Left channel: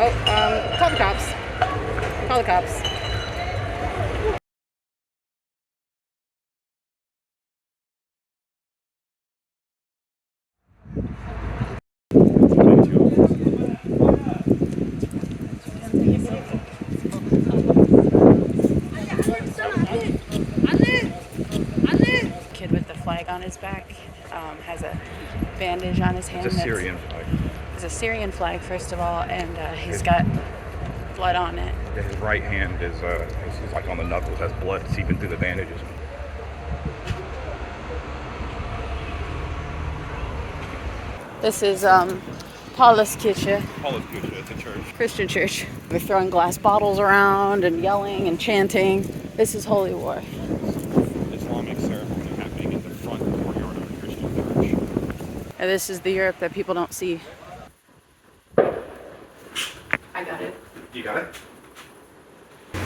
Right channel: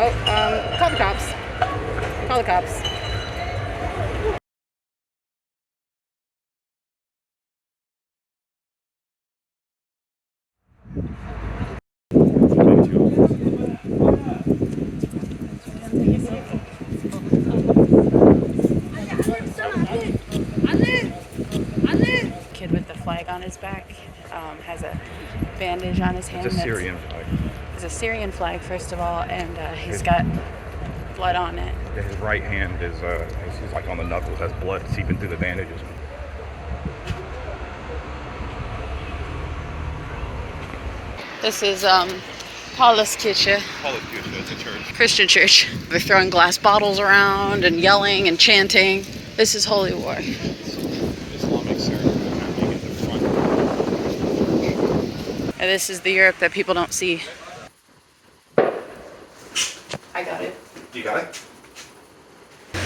Call the cops. Call the cops. Kid with the flag on his back has a bandage on his hand. It's a Syrian flag. It's a Syrian flag, first of all, and he's got blood on it. Yeah, his right hand is like on the knuckles, has blood seeping through the bandages. This is Paulus Kirche. Paulus Kirche, it's a church. Christian church. They're throwing glass bottles around and yelling and chanting. This is holy war. Islamic ceremony happening in the front of the church. And this is the Europe that people don't see. I got it. You got it?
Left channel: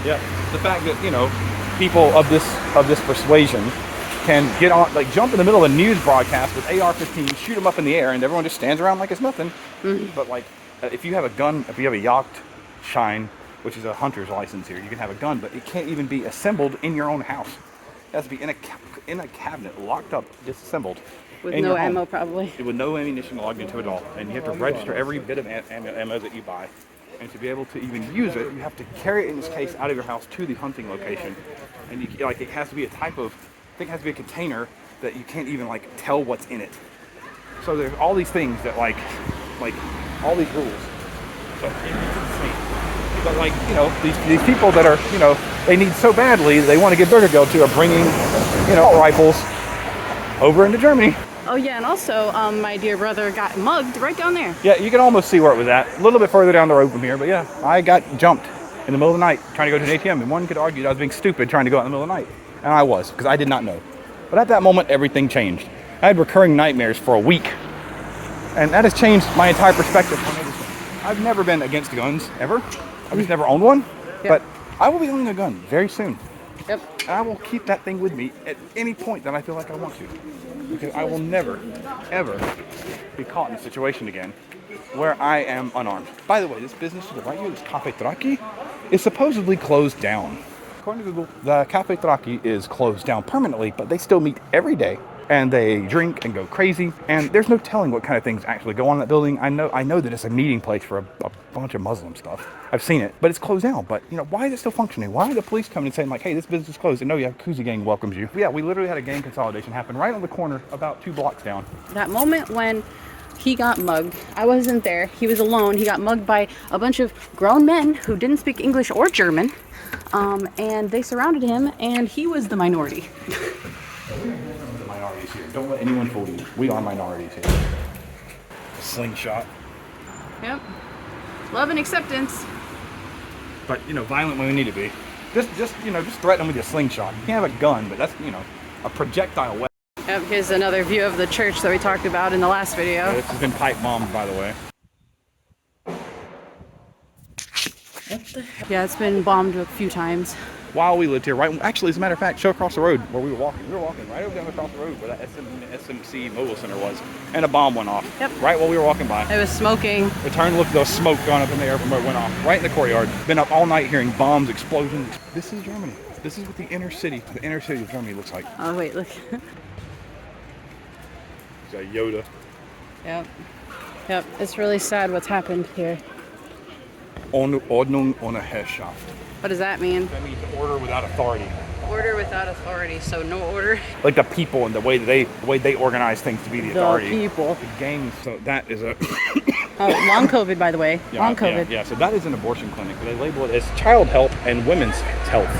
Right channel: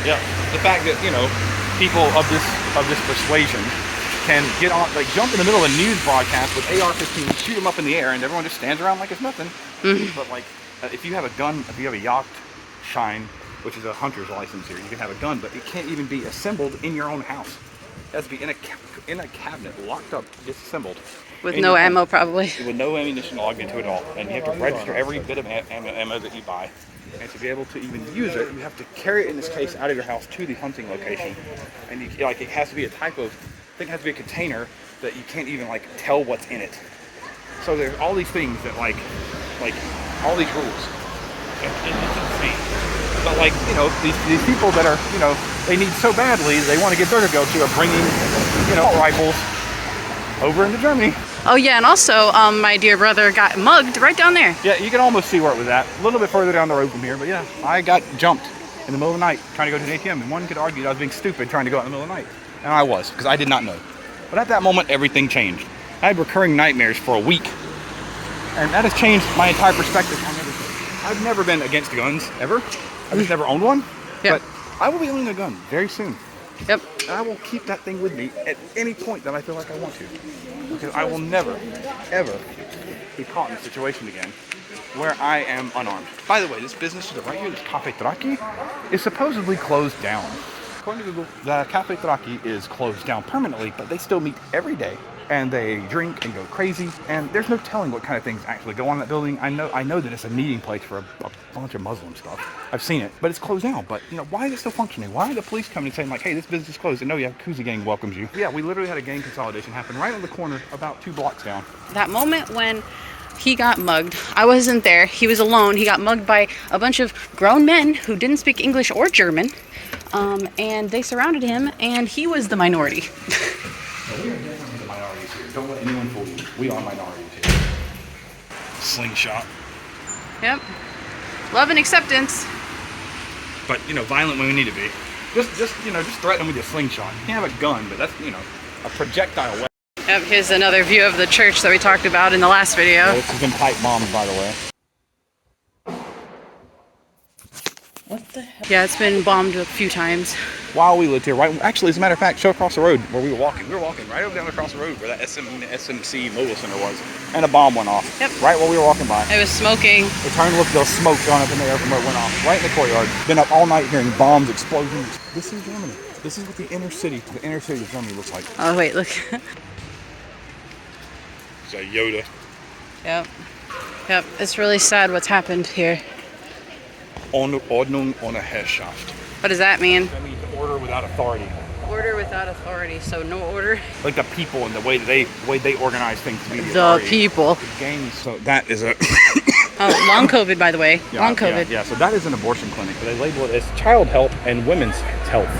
Yeah. The fact that, you know, people of this persuasion can get on, like, jump in the middle of a news broadcast with AR-15, shoot them up in the air, and everyone just stands around like it's nothing. Mm-hmm. But, like, if you have a gun, if you have a Jagdschein, which is a hunter's license here, you can have a gun, but it can't even be assembled in your own house. It has to be in a cabinet, locked up, disassembled. With no ammo, probably. With no ammunition logged into it at all. And you have to register every bit of ammo that you buy. And to be able to even use it, you have to carry it, in this case, out of your house to the hunting location. And you, like, it has to be a type of, I think it has to be a container that you can't even, like, tell what's in it. So there's all these things that, like all these rules. So it's insane. But, like, you know, these people that are, you know, they need so badly, they want to get Burger Girl to, are bringing, you know, rifles over into Germany. Oh yeah, and also my dear brother got mugged right down there. Yeah, you can almost see where it was at. A little bit further down the road from here, but yeah, I got jumped in the middle of the night trying to go to an ATM, and one could argue that I was being stupid trying to go out in the middle of the night. And I was, because I did not know. But at that moment, everything changed. I had recurring nightmares for a week, and that has changed my entire perspective on everything. I've never been against guns, ever. I've just never owned one, Yep. but I will be owning a gun very soon. Yep. I will keep that thing with me at any point that I feel like I want to. Because I will never, ever be caught in a situation again where I am unarmed. By the way, this business to the right here, this Cafe Traki, is supposedly closed down. According to Google, the Cafe Traki is closed down permanently, but they still meet every day. And they drink and go crazy, and there's no telling what kind of things actually go on in that building. I know that it's a meeting place for a bunch of Muslim stuff. I've seen it, but it's closed down. But, you know, why is it still functioning? Why are the police coming and saying, like, hey, this business is closed? And no, you have Kuzi gang welcomes you. Yeah, we literally had a gang consolidation happen right on the corner, about 2 blocks down. That moment when he got mugged, I wasn't there. He was alone. He got mugged by a bunch of grown men who didn't speak English or German, and they surrounded him, and he was the minority. Don't let anyone fool you. We are minorities here. Slingshot. Yep. Love and acceptance. But, you know, violent when we need to be. Just threaten them with a slingshot. You can't have a gun, but that's, you know, a projectile weapon. Yep, here's another view of the church that we talked about in the last video. This has been pipe bombed, by the way. What the heck? Yeah, it's been bombed a few times. While we lived here, right? Actually, as a matter of fact, show across the road where we were walking. We were walking right over down across the road where that SMC Mobile Center was, and a bomb went off. Yep. Right while we were walking by. It was smoking. We turned to look, there was smoke going up in the air from where it went off. Right in the courtyard. Been up all night hearing bombs, explosions. This is Germany. This is what the inner city of Germany looks like. Oh wait, look. It's a Yoda. Yep. Yep. It's really sad what's happened here. Ordnung ohne Herrschaft. What does that mean? It means order without authority. Order without authority, so no order. Like the people and the way they organize things to be the authority. People. The gangs. So that is a. Oh, long COVID, by the way. Yeah, long COVID. Yeah, so that is an abortion clinic. They label it as child health and women's health.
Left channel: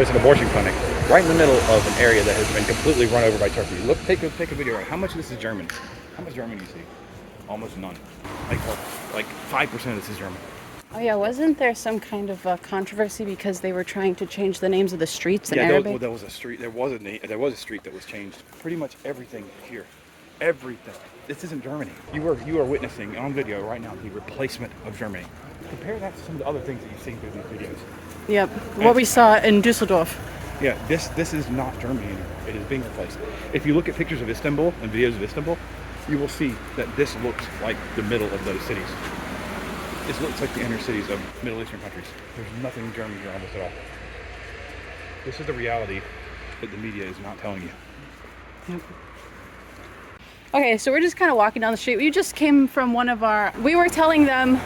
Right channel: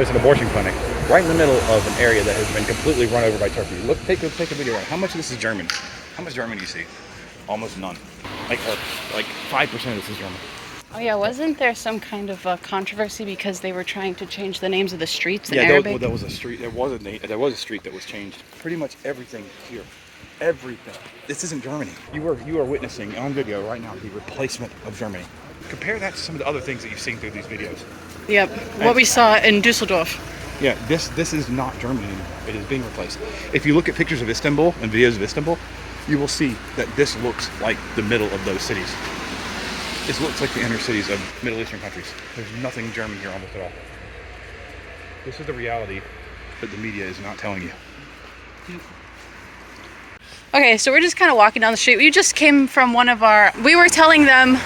It's an abortion clinic right in the middle of an area that has been completely run over by Turkey. Look, take a video. How much of this is German? How much German do you see? Almost none. Like 5% of this is German. Oh yeah, wasn't there some kind of controversy because they were trying to change the names of the streets in Arabic? There was a street. There was a street that was changed. Pretty much everything here, everything. This isn't Germany. You are witnessing on video right now the replacement of Germany. Compare that to some of the other things that you've seen through these videos. Yep. What we saw in Düsseldorf. Yeah, this is not Germany anymore. It is being replaced. If you look at pictures of Istanbul and videos of Istanbul, you will see that this looks like the middle of those cities. It looks like the inner cities of Middle Eastern countries. There's nothing German here almost at all. This is the reality that the media is not telling you. Okay, so we're just kind of walking down the street. We just came from we were telling them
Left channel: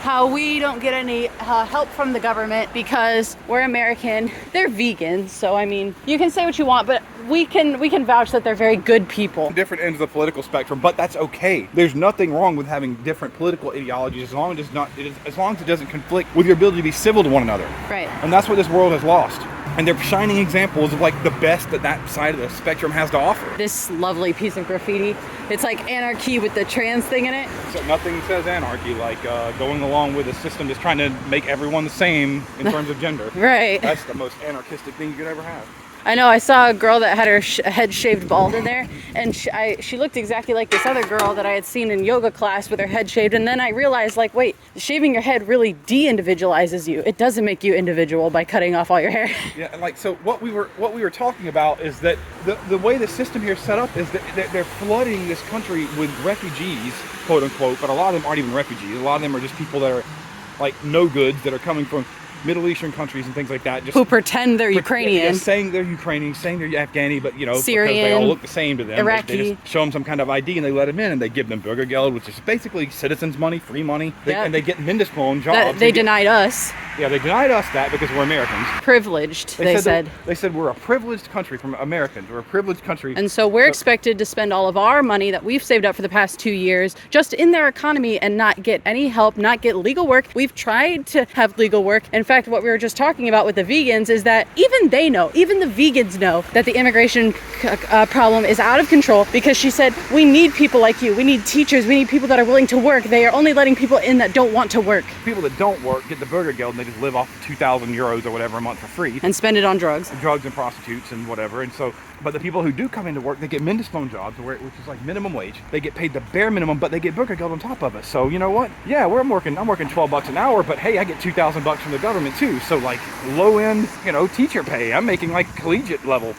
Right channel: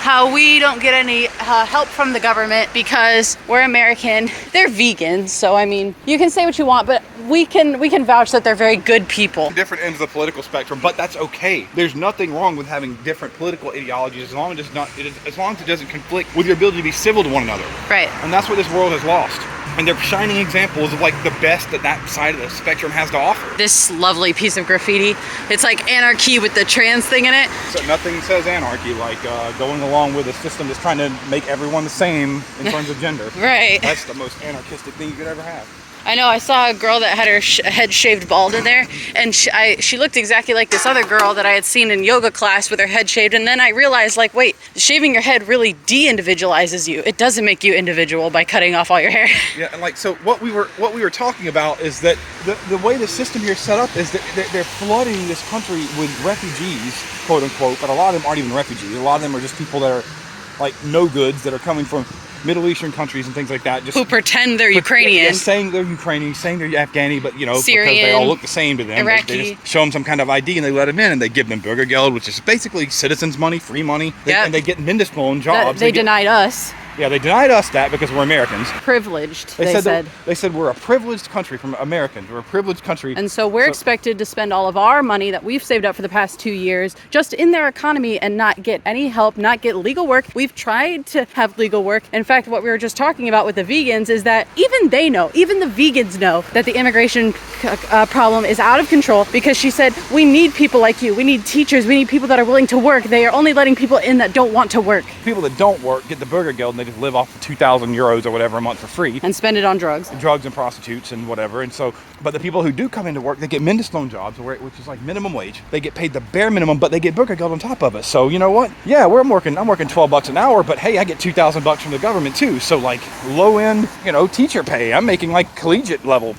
how we don't get any help from the government because we're American. They're vegans, so I mean, you can say what you want, but we can vouch that they're very good people. Different ends of the political spectrum, but that's okay. There's nothing wrong with having different political ideologies as long as it doesn't conflict with your ability to be civil to one another. Right. And that's what this world has lost. And they're shining examples of like the best that side of the spectrum has to offer. This lovely piece of graffiti. It's like anarchy with the trans thing in it. So nothing says anarchy like going along with a system that's trying to make everyone the same in terms of gender. Right. That's the most anarchistic thing you could ever have. I know, I saw a girl that had her head shaved bald in there, and she looked exactly like this other girl that I had seen in yoga class with her head shaved, and then I realized, like, wait, shaving your head really de-individualizes you. It doesn't make you individual by cutting off all your hair. Yeah, and like, so what we were talking about is that the way the system here is set up is that they're flooding this country with refugees, quote unquote, but a lot of them aren't even refugees. A lot of them are just people that are like no goods that are coming from Middle Eastern countries and things like that. Just who pretend they're Ukrainian. Yeah, saying they're Ukrainian, saying they're Afghani, but Syrian, because they all look the same to them. Iraqi. They just show them some kind of ID and they let them in and they give them Bürgergeld, which is basically citizens' money, free money. And they get Mindestlohn jobs. They denied us. Yeah, they denied us that because we're Americans. Privileged, they said. They said we're a privileged country from Americans. We're a privileged country. And so we're expected to spend all of our money that we've saved up for the past 2 years just in their economy and not get any help, not get legal work. We've tried to have legal work. In fact, what we were just talking about with the vegans is that even they know, even the vegans know that the immigration problem is out of control because she said, we need people like you. We need teachers. We need people that are willing to work. They are only letting people in that don't want to work. People that don't work get the Bürgergeld and they just live off 2,000 euros or whatever a month for free. And spend it on drugs. Drugs and prostitutes and whatever. And so, but the people who do come into work, they get Mindestlohn jobs, which is like minimum wage. They get paid the bare minimum, but they get Bürgergeld on top of it. So you know what? Yeah, I'm working $12 an hour, but hey, I get $2,000 from the government too. So like low end, teacher pay. I'm making like collegiate level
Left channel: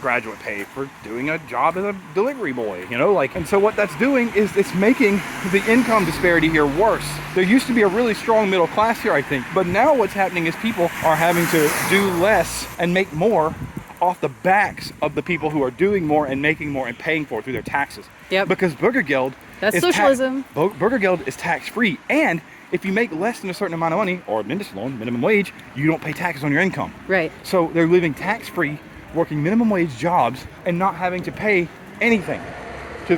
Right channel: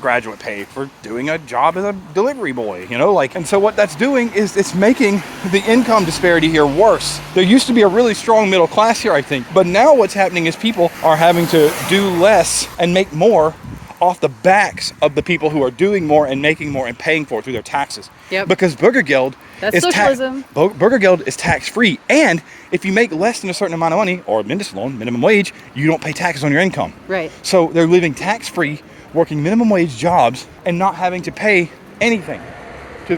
graduate pay for doing a job as a delivery boy, and so what that's doing is it's making the income disparity here worse. There used to be a really strong middle class here, I think, but now what's happening is people are having to do less and make more off the backs of the people who are doing more and making more and paying for it through their taxes. Yep. Because Bürgergeld is socialism. Bürgergeld is tax-free, and if you make less than a certain amount of money, or Mindestlohn, minimum wage, you don't pay taxes on your income. Right. So they're living tax-free, working minimum wage jobs and not having to pay anything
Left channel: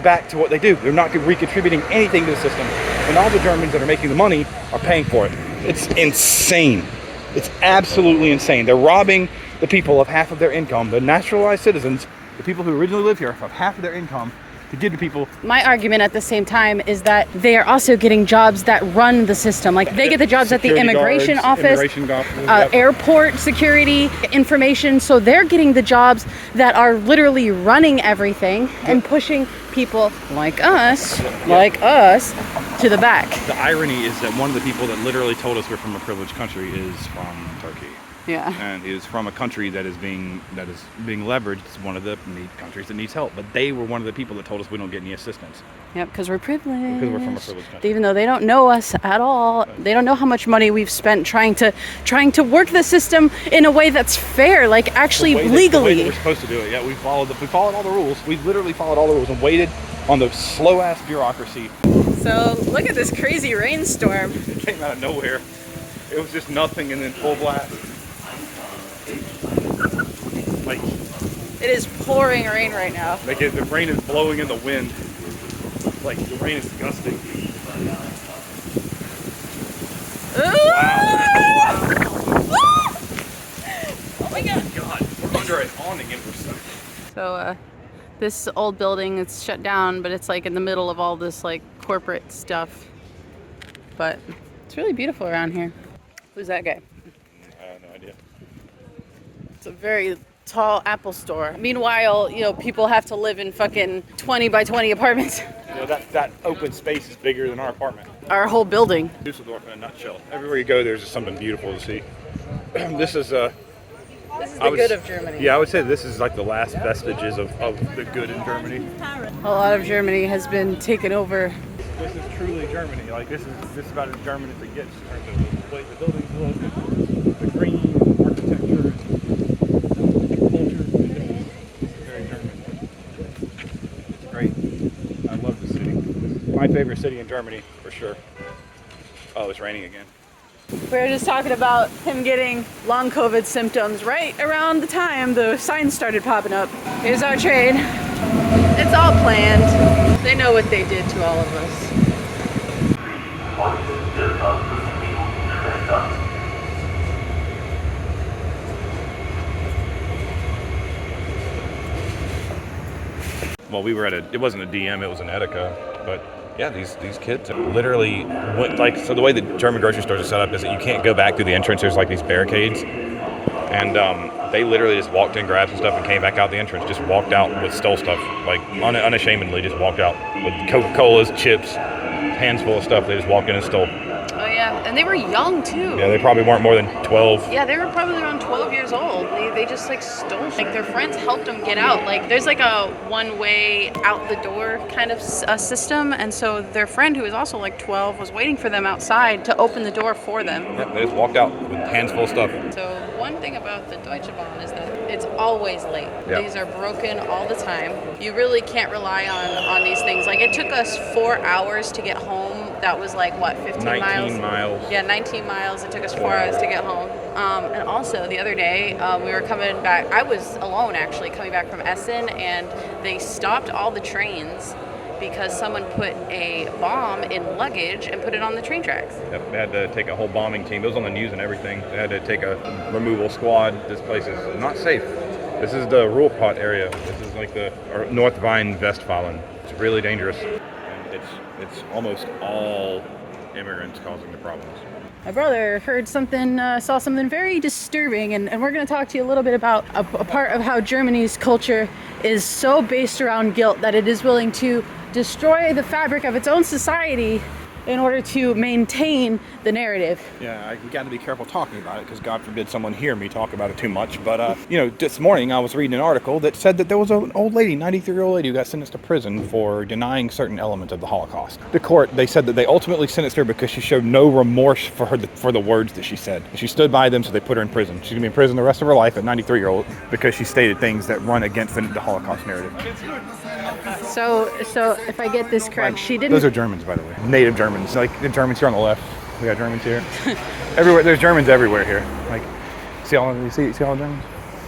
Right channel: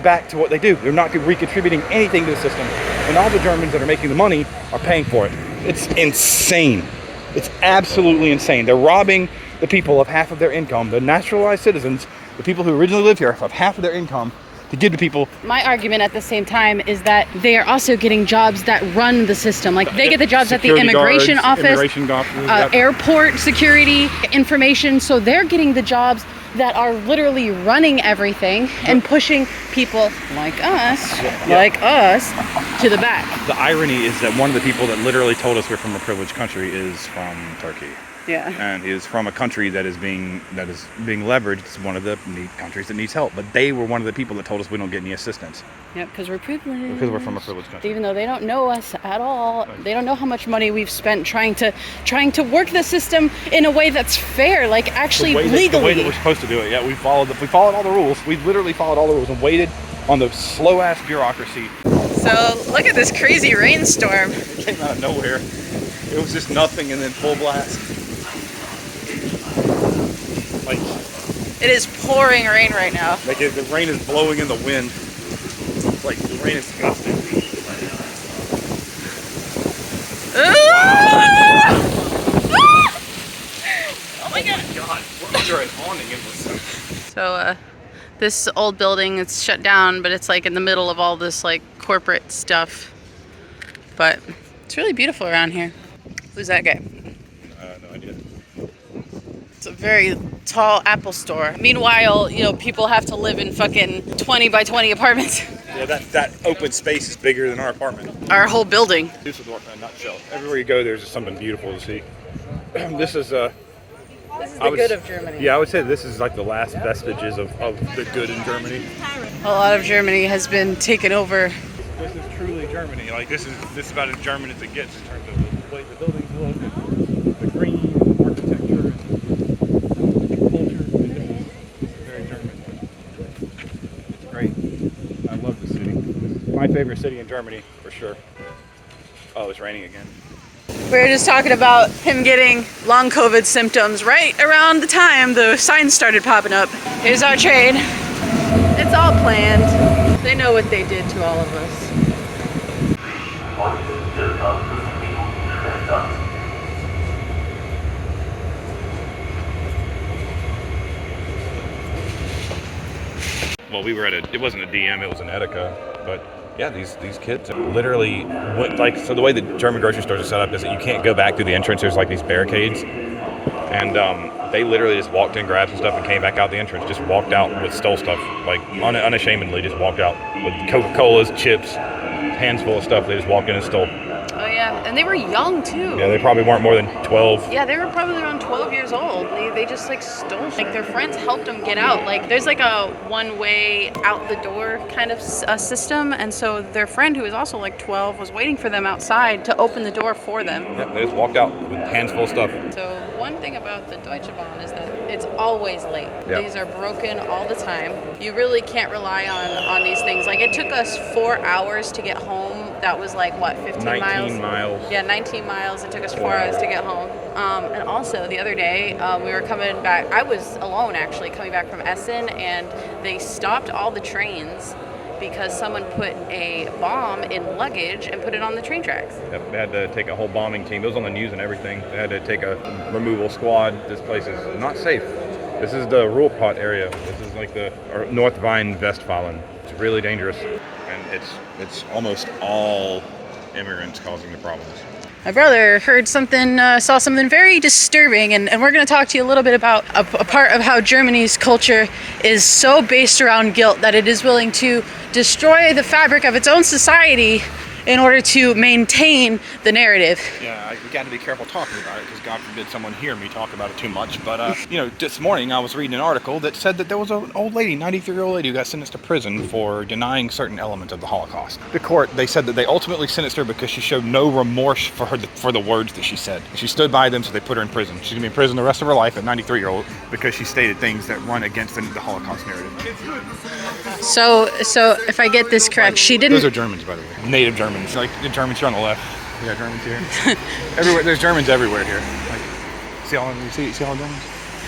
back to what they do. They're not recontributing anything to the system. And all the Germans that are making the money are paying for it. It's insane. It's absolutely insane. They're robbing the people of half of their income, the naturalized citizens, the people who originally live here, of half of their income to give to people. My argument at the same time is that they are also getting jobs that run the system. Like they get the jobs at the immigration office, airport security, information. So they're getting the jobs that are literally running everything and pushing people like us to the back. The irony is that one of the people that literally told us we're from a privileged country is from Turkey. Yeah. And is from a country that is being leveraged. It's one of the countries that needs help. But they were one of the people that told us we don't get any assistance. Yeah, because we're privileged. Because we're from a privileged country. Even though they don't know us at all. Right. They don't know how much money we've spent trying to work the system in a way that's fair, like actually legally. The way that we're supposed to do it. Yeah, we followed all the rules. We literally followed all the rules and waited on the slow ass bureaucracy. So look at this crazy rainstorm. It came out of nowhere. It was just nothing and then full blast. Like, it is pouring rain right now. Like the rain is blowing in the wind. Like the rain is disgusting. Oh my god! So this old building, it's shut down, but it's like in the middle of all this like corporate stuff. But it's really beautiful around here. Who's that guy? No idea. It's a very tall Apple store. Meanwhile, people have to live in fucking 20 by 20 apartments. Yeah, that open space is bigger than our apartment. Our whole building. Düsseldorf in a nutshell. Everywhere you go, there's something beautiful to see. This is the good of Germany. Yeah, I would say this is like the last vestiges of the good in Germany. A lot of Germany has been taken over This is truly Germany. Like this is about as German as it gets in terms of the way the buildings look, and the green, and the architecture, and the culture. I mean, this is very German. It's great. I love the city. My favorite city in Germany for sure. Oh, it's raining again. We were just talking about him getting long COVID symptoms right around the time the signs started popping up. Here's our trade. It's all planned. They know what they did to all of us. Well, we were at it wasn't a DM, it was an Edeka, but yeah, these kids literally went like, so the way the German grocery stores are set up is that you can't go back through the entrance. There's like these barricades, and they literally just walked in, grabbed some stuff, and came back out the entrance. Just walked out with stole stuff, like unashamedly, just walked out with Coca-Colas, chips, hands full of stuff. They just walked in and stole. Oh yeah, and they were young too. Yeah, they probably weren't more than 12. Yeah, they were probably around 12 years old. They just like stole. Like their friends helped them get out. Like there's like a one-way out the door kind of system, and so their friend who was also like 12 was waiting for them outside to open the door for them. Yeah, they just walked out with hands full of stuff. So one thing about the Deutsche Bahn is that it's always late. Yeah. These are broken all the time. You really can't rely on these things. Like it took us 4 hours to get home. That was like what, 15 miles? 19 miles. Yeah, 19 miles. It took us 4 hours to get home. And also the other day, we were coming back. I was alone actually coming back from Essen, and they stopped all the trains because someone put a bomb in luggage and put it on the train tracks. They had to take a whole bombing team. It was on the news and everything. They had to take a removal squad. This place is not safe. This is the Reuploaded area. This is like the North Rhine-Westfalen. It's really dangerous, and it's almost all immigrants causing the problems. My brother heard something, saw something very disturbing, and we're going to talk to you a little bit about a part of how Germany's culture is so based around guilt that it is willing to destroy the fabric of its own society in order to maintain the narrative. Yeah, we got to be careful talking about it because God forbid someone hear me talk about it too much. But, this morning I was reading an article that said that there was an old lady, 93-year-old lady, who got sentenced to prison for denying certain elements of the Holocaust. The court, they said that they ultimately sentenced her because she showed no remorse for the words that she said. She stood by them, so they put her in prison. She's going to be in prison the rest of her life at 93-year-old because she stated things that run against the Holocaust narrative. So if I get this correct, she didn't... Those are Germans, by the way. Native Germans. Like the Germans here on the left. We got Germans here. Everywhere. There's Germans everywhere here. Like, see all the Germans?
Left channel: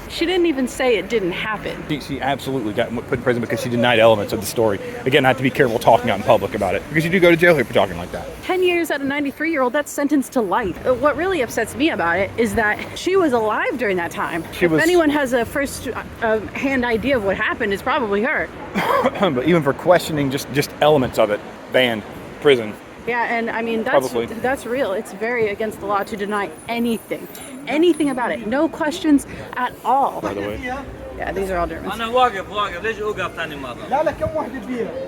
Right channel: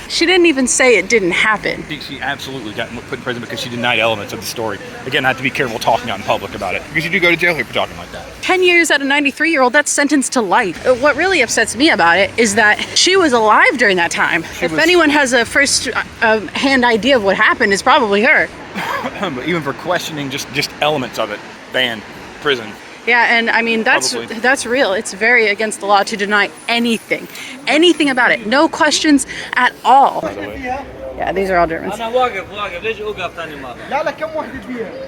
She didn't even say it didn't happen. She absolutely got put in prison because she denied elements of the story. Again, I have to be careful talking out in public about it because you do go to jail here for talking like that. 10 years at a 93-year-old, that's sentenced to life. What really upsets me about it is that she was alive during that time. If anyone has a first-hand idea of what happened, it's probably her. But even for questioning just elements of it, ban, prison. Yeah, and I mean, that's real. It's very against the law to deny anything about it. No questions at all. By the way. Yeah, these are all Germans.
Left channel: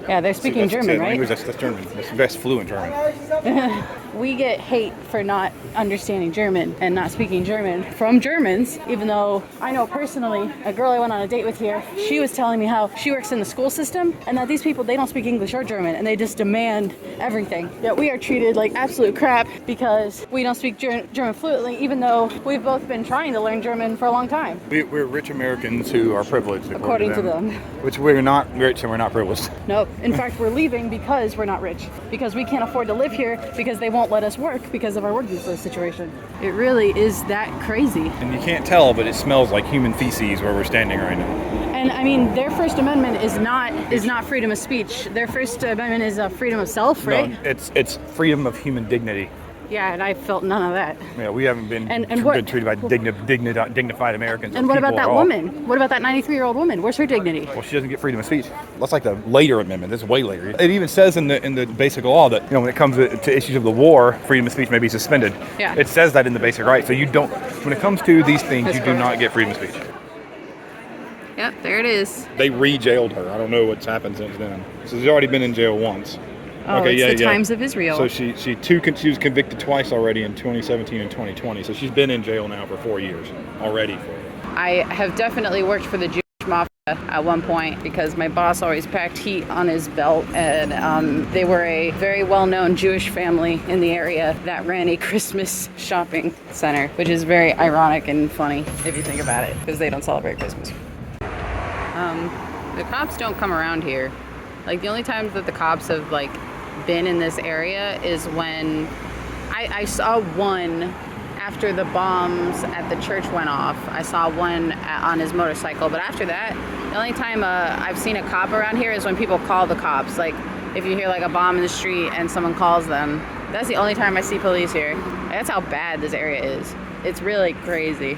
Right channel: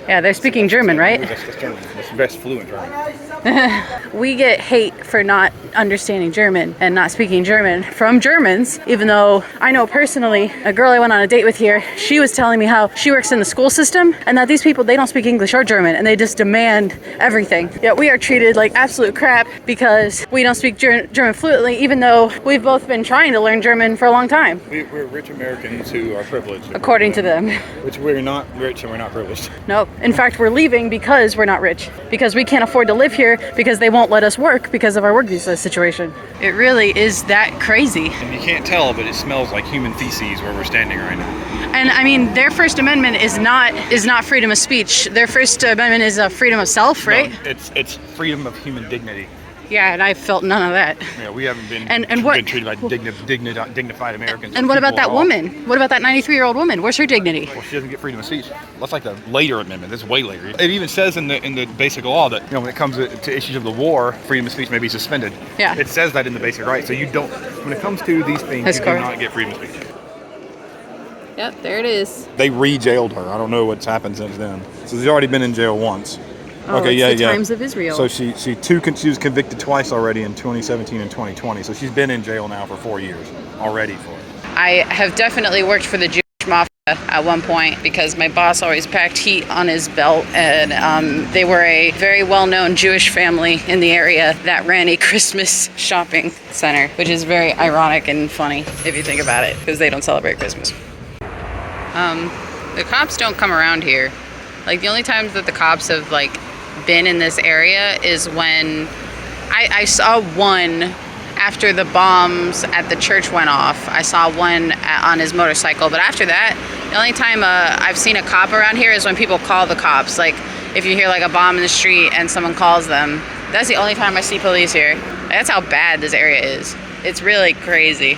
Yeah, they're speaking German, right? That's German. That's fluent German. We get hate for not understanding German and not speaking German from Germans, even though I know personally, a girl I went on a date with here, she was telling me how she works in the school system and that these people, they don't speak English or German and they just demand everything. Yet we are treated like absolute crap because we don't speak German fluently, even though we've both been trying to learn German for a long time. We're rich Americans who are privileged. According to them. Which we're not rich and we're not privileged. Nope. In fact, we're leaving because we're not rich. Because we can't afford to live here because they won't let us work because of our work visa situation. It really is that crazy. And you can't tell, but it smells like human feces where we're standing right now. And I mean, their First Amendment is not freedom of speech. Their First Amendment is freedom of self, right? No, it's freedom of human dignity. Yeah, and I felt none of that. Yeah, we haven't been, been treated by dignified Americans. And what about that woman? What about that 93-year-old woman? Where's her dignity? Well, she doesn't get freedom of speech. That's like a later amendment. That's way later. It even says in the basic law that when it comes to issues of the war, freedom of speech may be suspended. Yeah. It says that in the basic right. So you don't. When it comes to these things, you do not get freedom of speech. Yep, there it is. They re-jailed her. I don't know what's happened since then. So she's already been in jail once. Oh, okay, it's the Times of Israel. So she was convicted twice already in 2017 and 2020. So she's been in jail now for 4 years already for it. I have definitely worked for the Jewish mafia at one point because my boss always packed heat on his belt, and they were a very well-known Jewish family in the area that ran a Christmas shopping center, which is very ironic and funny if you think about it, because they don't celebrate Christmas. The cops don't come around here. Like, the only times that the cops have like been in this area is when I saw one after the bombs at the church went off. I saw one on his motorcycle, but after that, the only time I've seen a cop around here is when people call the cops. Like, if you hear like a bomb in the street and someone calls them, that's the only time I see police here. That's how bad this area is. It's really crazy,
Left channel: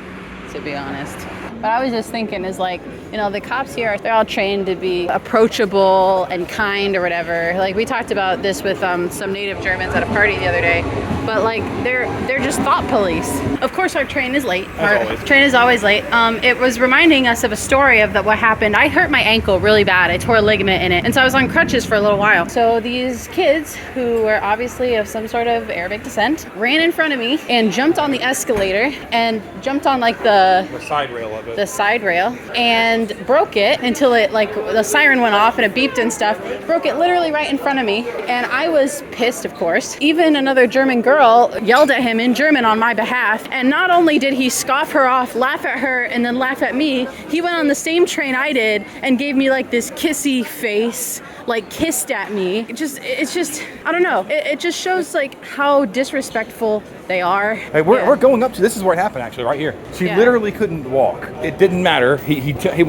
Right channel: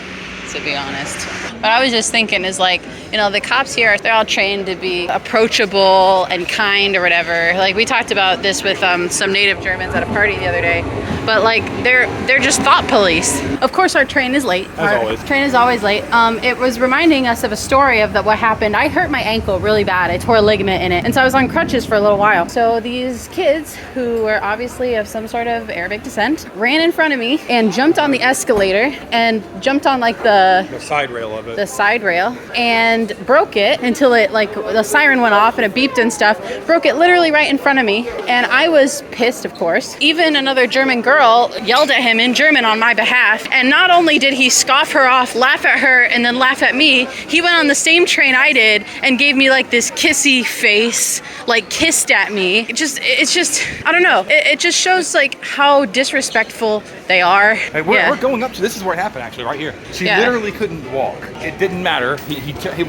to be honest. But I was just thinking is like, you know, the cops here, they're all trained to be approachable and kind or whatever. Like, we talked about this with some native Germans at a party the other day. But like, they're just thought police. Of course, our train is late. Our train is always late. It was reminding us of a story of what happened. I hurt my ankle really bad. I tore a ligament in it. And so I was on crutches for a little while. So these kids, who were obviously of some sort of Arabic descent, ran in front of me and jumped on the escalator and jumped on like the side rail of it. The side rail, and broke it until it, like, the siren went off and it beeped and stuff. Broke it literally right in front of me. And I was pissed, of course. Even another German girl yelled at him in German on my behalf. And not only did he scoff her off, laugh at her, and then laugh at me, he went on the same train I did and gave me like this kissy face, like kissed at me. It's just, I don't know. It just shows like how disrespectful they are. Hey, we're going up to, this is where it happened actually, right here. She literally couldn't walk. It didn't matter.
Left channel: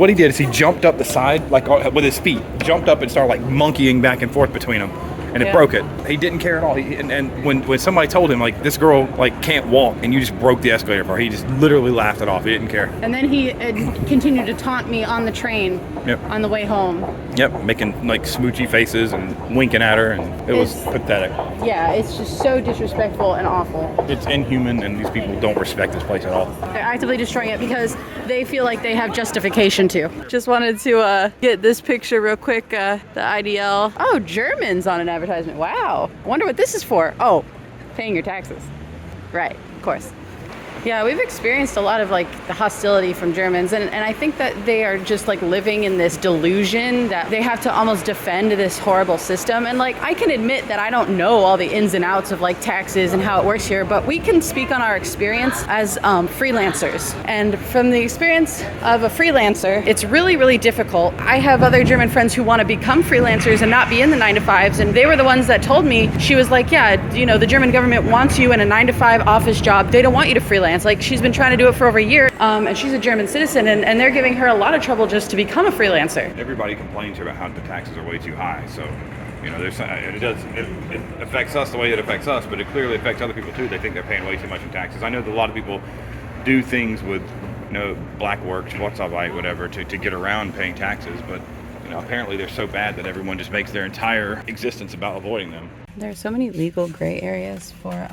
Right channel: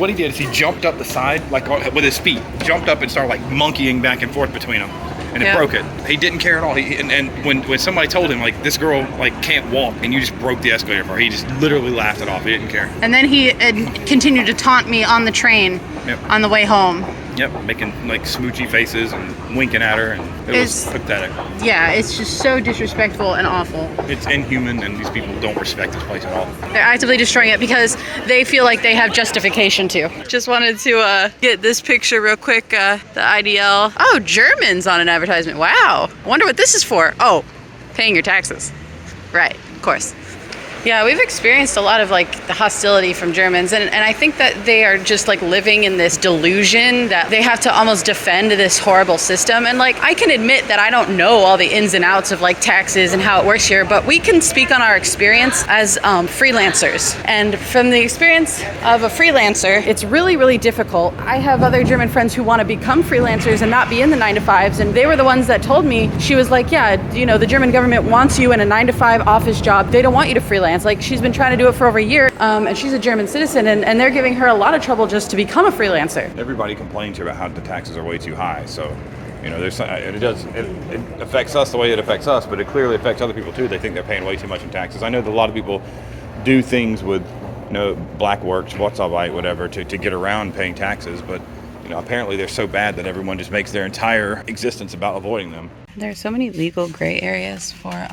What he did is he jumped up the side, like with his feet, jumped up and started like monkeying back and forth between them. And it broke it. He didn't care at all. And when somebody told him, like, this girl, like, can't walk, and you just broke the escalator for her, he just literally laughed it off. He didn't care. And then he continued to taunt me on the train on the way home. Yep, making, like, smoochy faces and winking at her, and it was pathetic. Yeah, it's just so disrespectful and awful. It's inhuman, and these people don't respect this place at all. They're actively destroying it because they feel like they have justification to. Just wanted to get this picture real quick, the IDL. Oh, Germans on an advertisement. Wow. Wonder what this is for. Oh, paying your taxes. Right, of course. Yeah, we've experienced a lot of like the hostility from Germans, and I think that they are just like living in this delusion that they have to almost defend this horrible system. And like, I can admit that I don't know all the ins and outs of like taxes and how it works here, but we can speak on our experience as freelancers. And from the experience of a freelancer, it's really, really difficult. I have other German friends who want to become freelancers and not be in the 9-to-5s, and they were the ones that told me, she was like, yeah, you know, the German government wants you in a 9-to-5 office job. They don't want you to freelance. Like, she's been trying to do it for over a year, and she's a German citizen, and they're giving her a lot of trouble just to become a freelancer. Everybody complains about how the taxes are way too high, so you know, it affects us the way it affects us, but it clearly affects other people too. They think they're paying way too much in taxes. I know that a lot of people do things with, you know, black works, Schwarzarbeit, whatever, to get around paying taxes, but you know, apparently they're so bad that everyone just makes their entire existence about avoiding them. There are so many legal gray areas for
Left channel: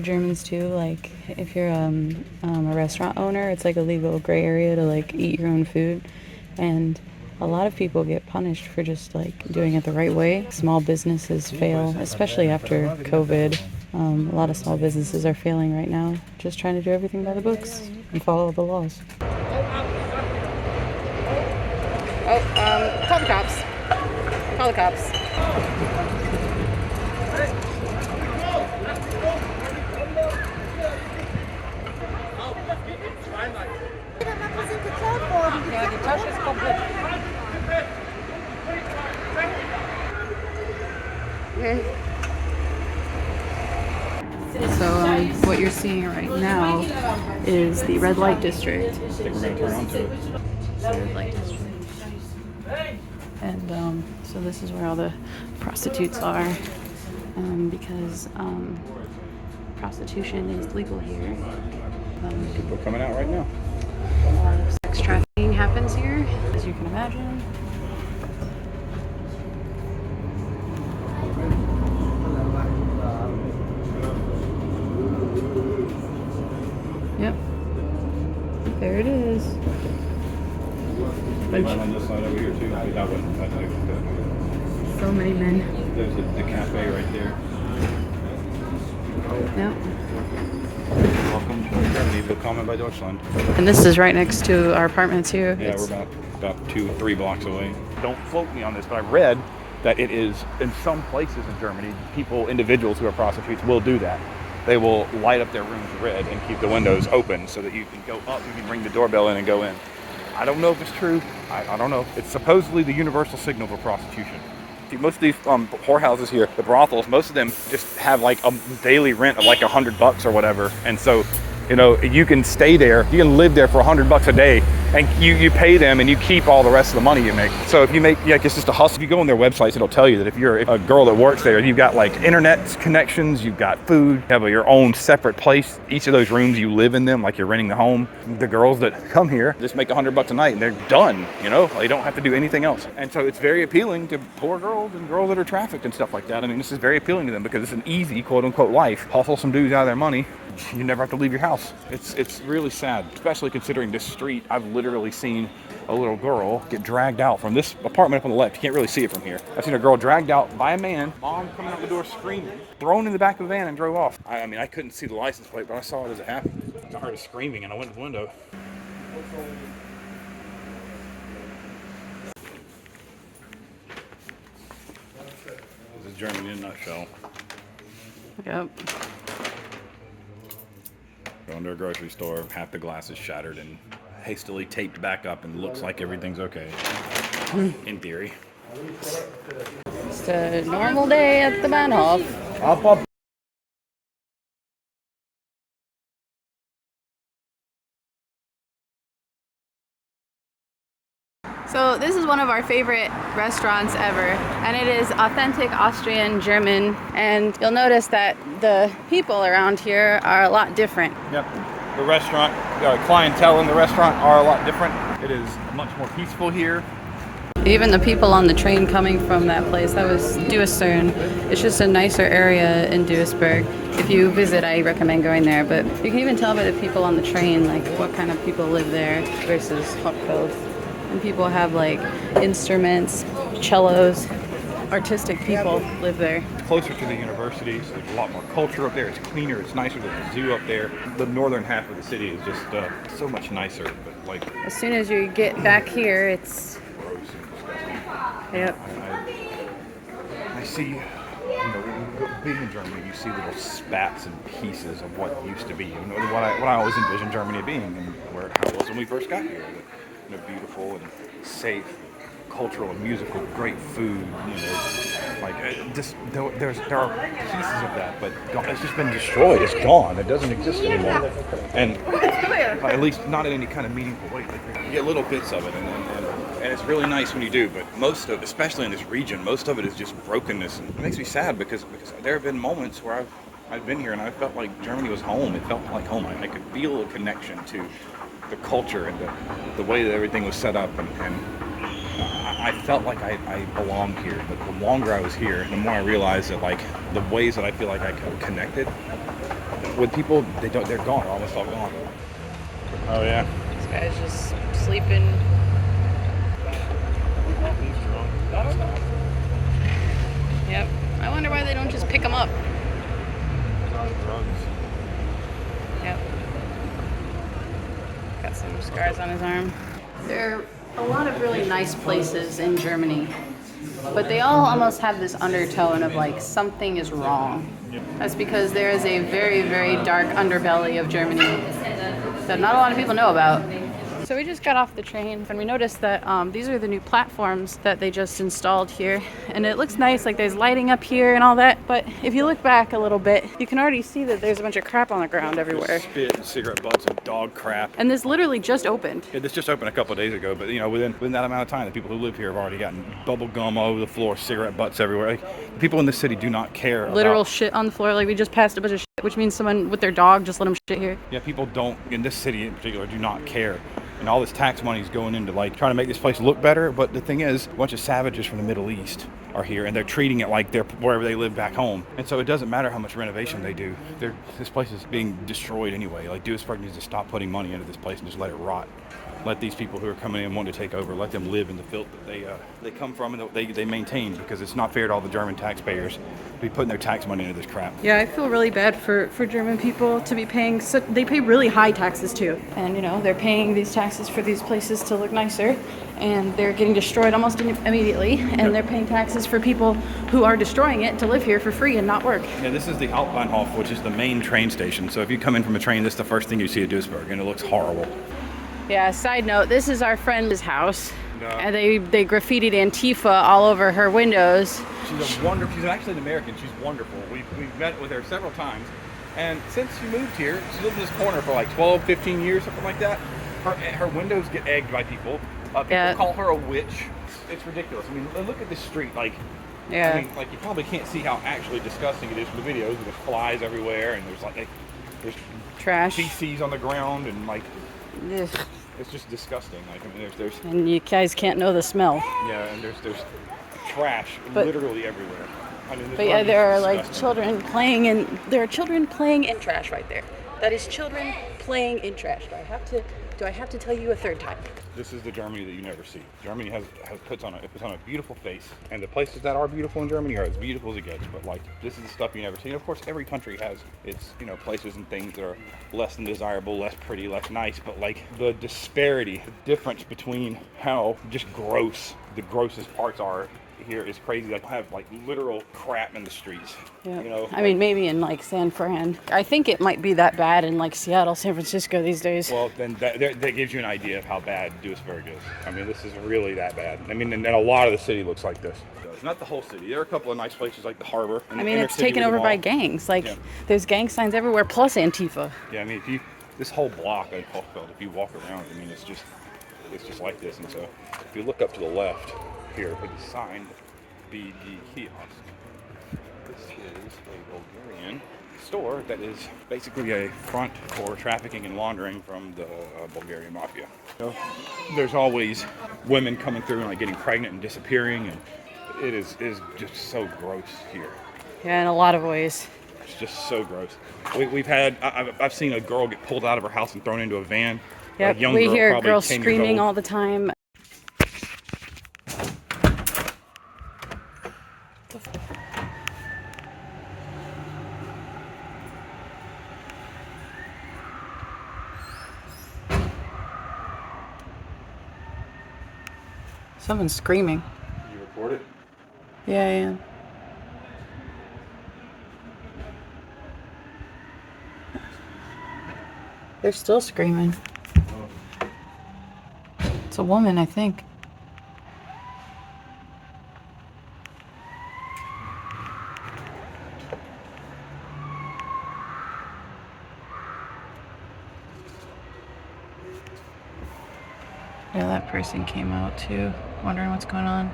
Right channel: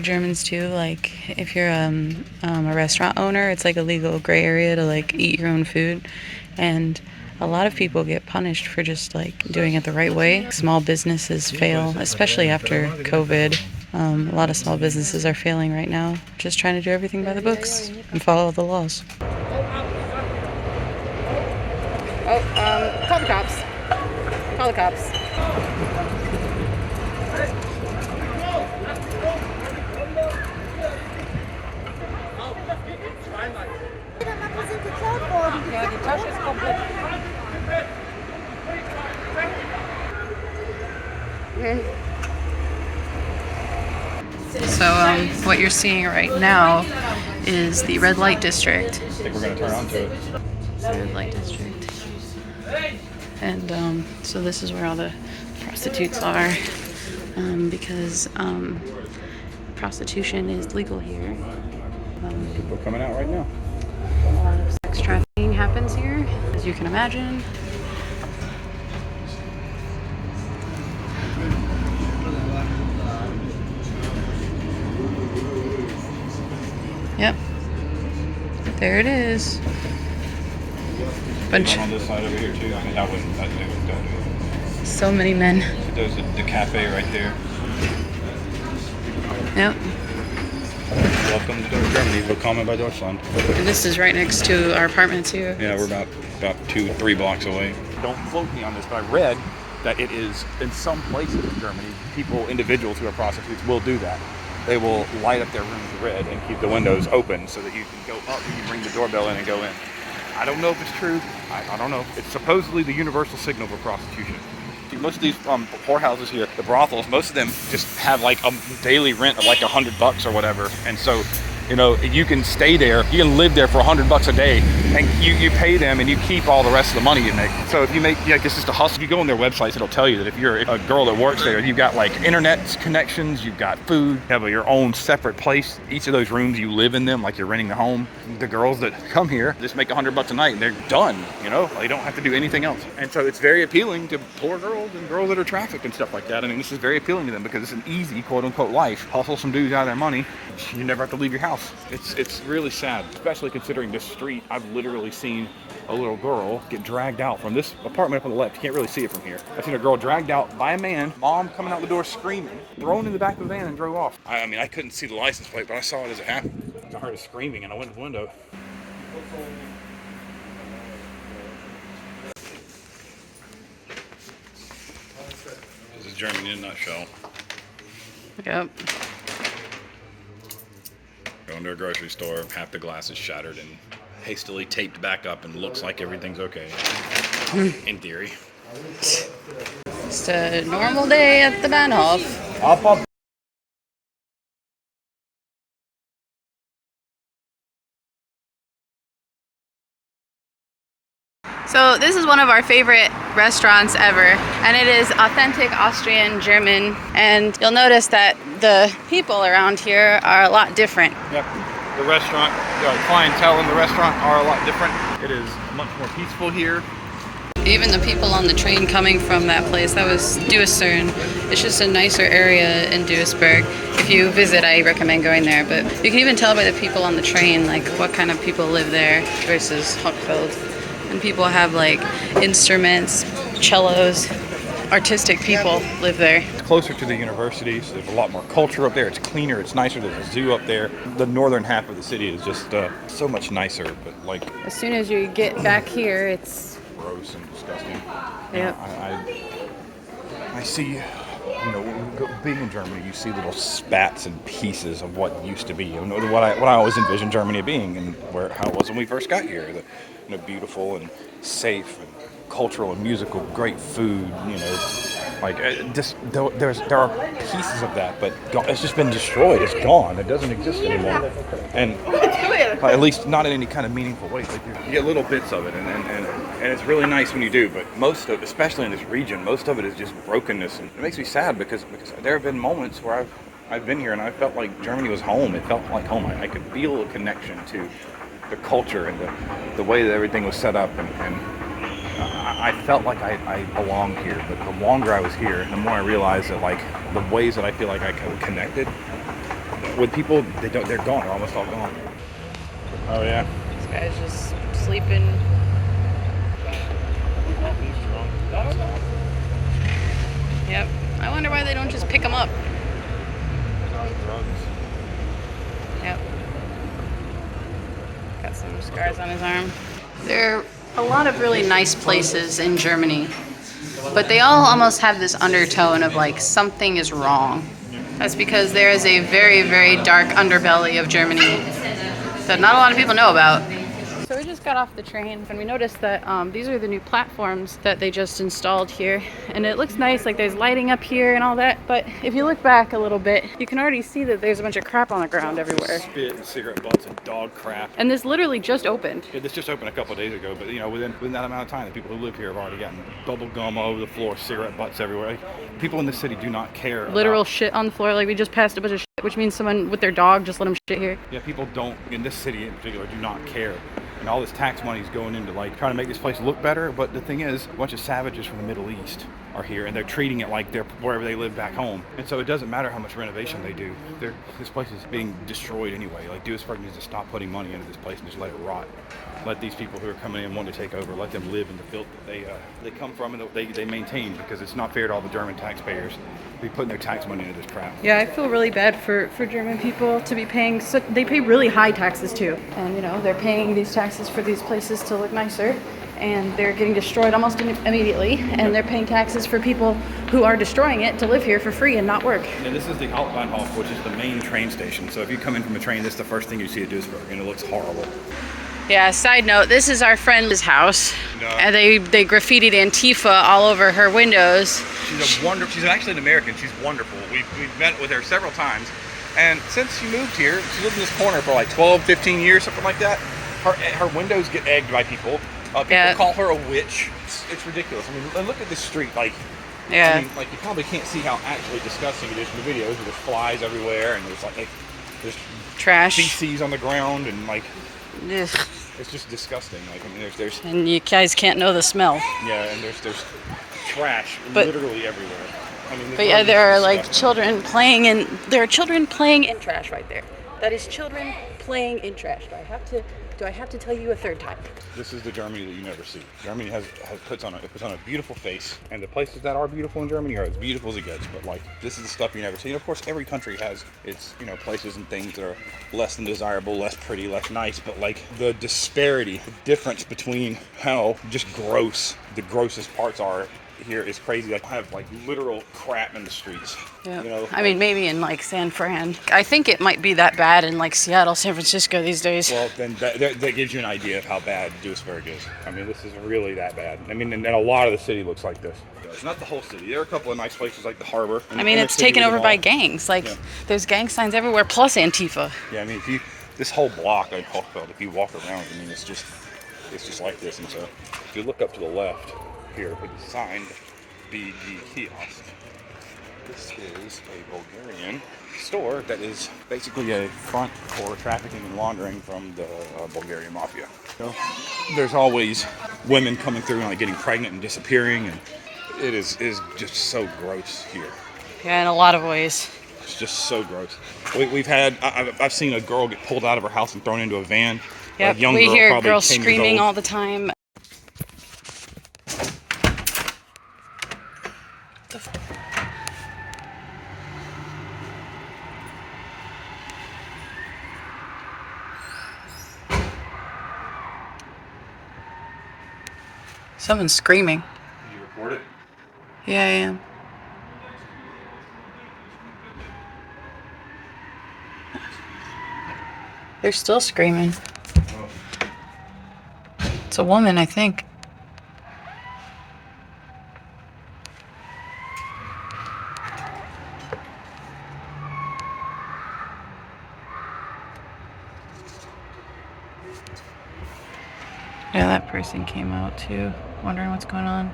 Germans too. Like, if you're a restaurant owner, it's like a legal gray area to like eat your own food, and a lot of people get punished for just like doing it the right way. Small businesses fail, especially after COVID. A lot of small businesses are failing right now, just trying to do everything by the books and follow the laws. Oh, call the cops. Call the cops. So what you're seeing right now is the red light district. It's the red light district. And so this is where all the prostitutes are, because prostitution is legal here. People are coming out right now. A lot of sex trafficking happens here, as you can imagine. Yep. There it is. Bunch. On this side over here too. I mean, I wouldn't do it. So many men. There's the cafe right there. Yep. Welcome to Germany. Willkommen bei Deutschland. And this is right next to our apartments here. Yeah, we're about 2-3 blocks away. Don't quote me on this, but I read that it is in some places in Germany, individuals who are prostitutes will do that. They will light up their rooms red and keep the windows open so that you can go up, you can ring the doorbell in and go in. I don't know if it's true. I don't know. It's supposedly the universal signal for prostitution. See, most of these whorehouses here, the brothels, most of them just have like a daily rent of like $100 or whatever. And so, you know, you can stay there, you can live there for $100 a day, and you pay them and you keep all the rest of the money you make. So if you make, like, it's just a hustle. If you go on their websites, it'll tell you that if you're a girl that works there, you've got like internet connections, you've got food, you have your own separate place. Each of those rooms, you live in them like you're renting a home. The girls that come here just make $100 a night and they're done, you know? They don't have to do anything else. And so it's very appealing to poor girls and girls that are trafficked and stuff like that. I mean, this is very appealing to them because it's an easy, quote unquote, life. Hustle some dudes out of their money. You never have to leave your house. It's really sad, especially considering this street. I've literally seen a little girl get dragged out from this apartment up on the left. You can't really see it from here. I've seen a girl dragged out by a man, mom coming out the door screaming, thrown in the back of the van and drove off. I mean, I couldn't see the license plate, but I saw it as it happened. I heard her screaming and I went to the window. This is Germany in a nutshell. Yep. Going to a grocery store, half the glass is shattered and hastily taped back up and looks like everything's okay. In theory. Just a normal day at the Bahnhof. So this is one of our favorite restaurants ever, and it is authentic Austrian German, and you'll notice that the people around here are a lot different. Yep. The restaurant, the clientele in the restaurant are a lot different. It is much more peaceful here. Even the people on the train coming from that place, that was Duisburg. It's just a nicer area in Duisburg. If you visit, I recommend going there, but you can even tell by the people on the train, like what kind of people live there versus Hochfeld. And people have like instruments, cellos, artistic people live there. It's closer to the universities. There's a lot more culture up there. It's cleaner. It's nicer. There's a zoo up there. The northern half of the city is just so much nicer. But like, as soon as you get back here, it's gross and disgusting. Yep. I see, you know, being in Germany, you see little spats and pieces of what used to be. You know, what I always envisioned Germany being, and how it was when we first got here. You know, beautiful and safe, and cultural and musical, great food. You know, like there are pieces of that, but it's just been destroyed. It's gone. It doesn't exist anymore. And at least not in any kind of meaningful way. Like you get little bits of it, and it's really nice when you do. But most of, especially in this region, most of it is just brokenness, and it makes me sad because there have been moments where I've been here and I felt like Germany was home. It felt like home. I could feel a connection to the culture and the way that everything was set up, and I felt like I belonged here. But the longer I was here, the more I realized that like the ways that I feel like I connected with people, they're gone, almost all gone. Oh yeah. This guy's just sleeping. Yep. I wonder why they don't just pick him up. Yep. Got some scars on his arm. There are a lot of really nice places in Germany, but they all almost have this undertone of like something is wrong. That's because there is a very, very dark underbelly of Germany that not a lot of people know about. So we just got off the train and we noticed that these are the new platforms that they just installed here, and it looks nice, like there's lighting up here and all that, but if you look back a little bit, you can already see that there's a bunch of crap on the ground everywhere. Spit and cigarette butts and dog crap. And this literally just opened. Yeah, this just opened a couple of days ago, but you know, within that amount of time, the people who live here have already gotten bubble gum all over the floor, cigarette butts everywhere. Like, people in this city do not care. Literal shit on the floor. Like we just passed a bunch of shit, which means someone with their dog just let them shit here. Yeah, people don't, in this city in particular, do not care. And all this tax money is going into like trying to make this place look better, but the thing is, a bunch of savages from the Middle East are here, and they're treating it like they're wherever they live back home. And so it doesn't matter how much renovation they do. This place is being destroyed anyway. Like, Duisburg needs to stop putting money into this place and just let it rot. Let these people who are coming in wanting to take over, let them live in the filth that they come from and that they maintain, because it's not fair to all the German taxpayers to be putting their tax money into this crap. Yeah, I feel really bad for German people to be paying, they pay really high taxes too. And, you know, they're paying these taxes for these places to look nicer, and they're getting destroyed almost immediately, and they're paying taxes for people who are destroying it to live here for free and not work. Now, this is the Hauptbahnhof, which is the main train station. So if you come in from a train, this is the first thing you see at Duisburg, and it looks horrible. Yeah, side note, this is our friend's house. No. And they graffitied Antifa all over her windows. She's actually an American. She's wonderful. We've met with her several times. And since she moved here, she lived in this corner for like 12, 15 years, something like that. Her windows get egged by people. People call her a witch. It's ridiculous. I mean, look at this street. Like, yeah. I mean, like, you probably can't see how actually disgusting it is in the videos. There's flies everywhere, and there's Trash. feces on the ground, and like, Ugh. it's just disgusting. Like, I mean, there's And you guys can't know the smell. yeah, and there's trash But- literally everywhere. I mean, But yeah, there are like children playing in. There are children playing in trash right there. That is children playing in trash. Do I have to tell you a third time? This is the Germany that you never see. Germany puts on a beautiful face, and the places that are beautiful in Germany are as beautiful as it gets. But like, this is the stuff you never see. And of course, every country has its, you know, places and things that are less than desirable, less pretty, less nice. But like, the disparity, the difference between how just gross the grossest parts are here is crazy. Like, have like literal crap in the streets. Yeah. You know, I mean, maybe in like San Fran. I think it might be that bad in like Seattle, San Francisco these days. well, then that gives you an idea of how bad Duisburg is. I mean, this is really that bad. I mean, and a lot of the city looks like this. It's not the whole city. There are a couple of nice places like the harbor. I mean, it's taken over by gangs. Like, there's gang signs everywhere, plus Antifa. Yeah, I mean, this whole block in Hochfeld, if you walk around, I mean, it's just like this. And so, if you look up to the left here with the sign, BG kiosk. This is a Bulgarian store that is basically a front for trafficking and laundering from the Bulgarian mafia. So, there's always women coming through and like getting pregnant and disappearing, and it is just so gross here. Yeah, in a lot of ways. It's just so gross. I've seen a girl get pulled out of her house and thrown into a van. Yep, we hear girls screaming all the time. Someone's screaming. You record it? Yeah, I am. They're still screaming. It's a woman, I think. Yeah, that person came out too, wondering what's going on.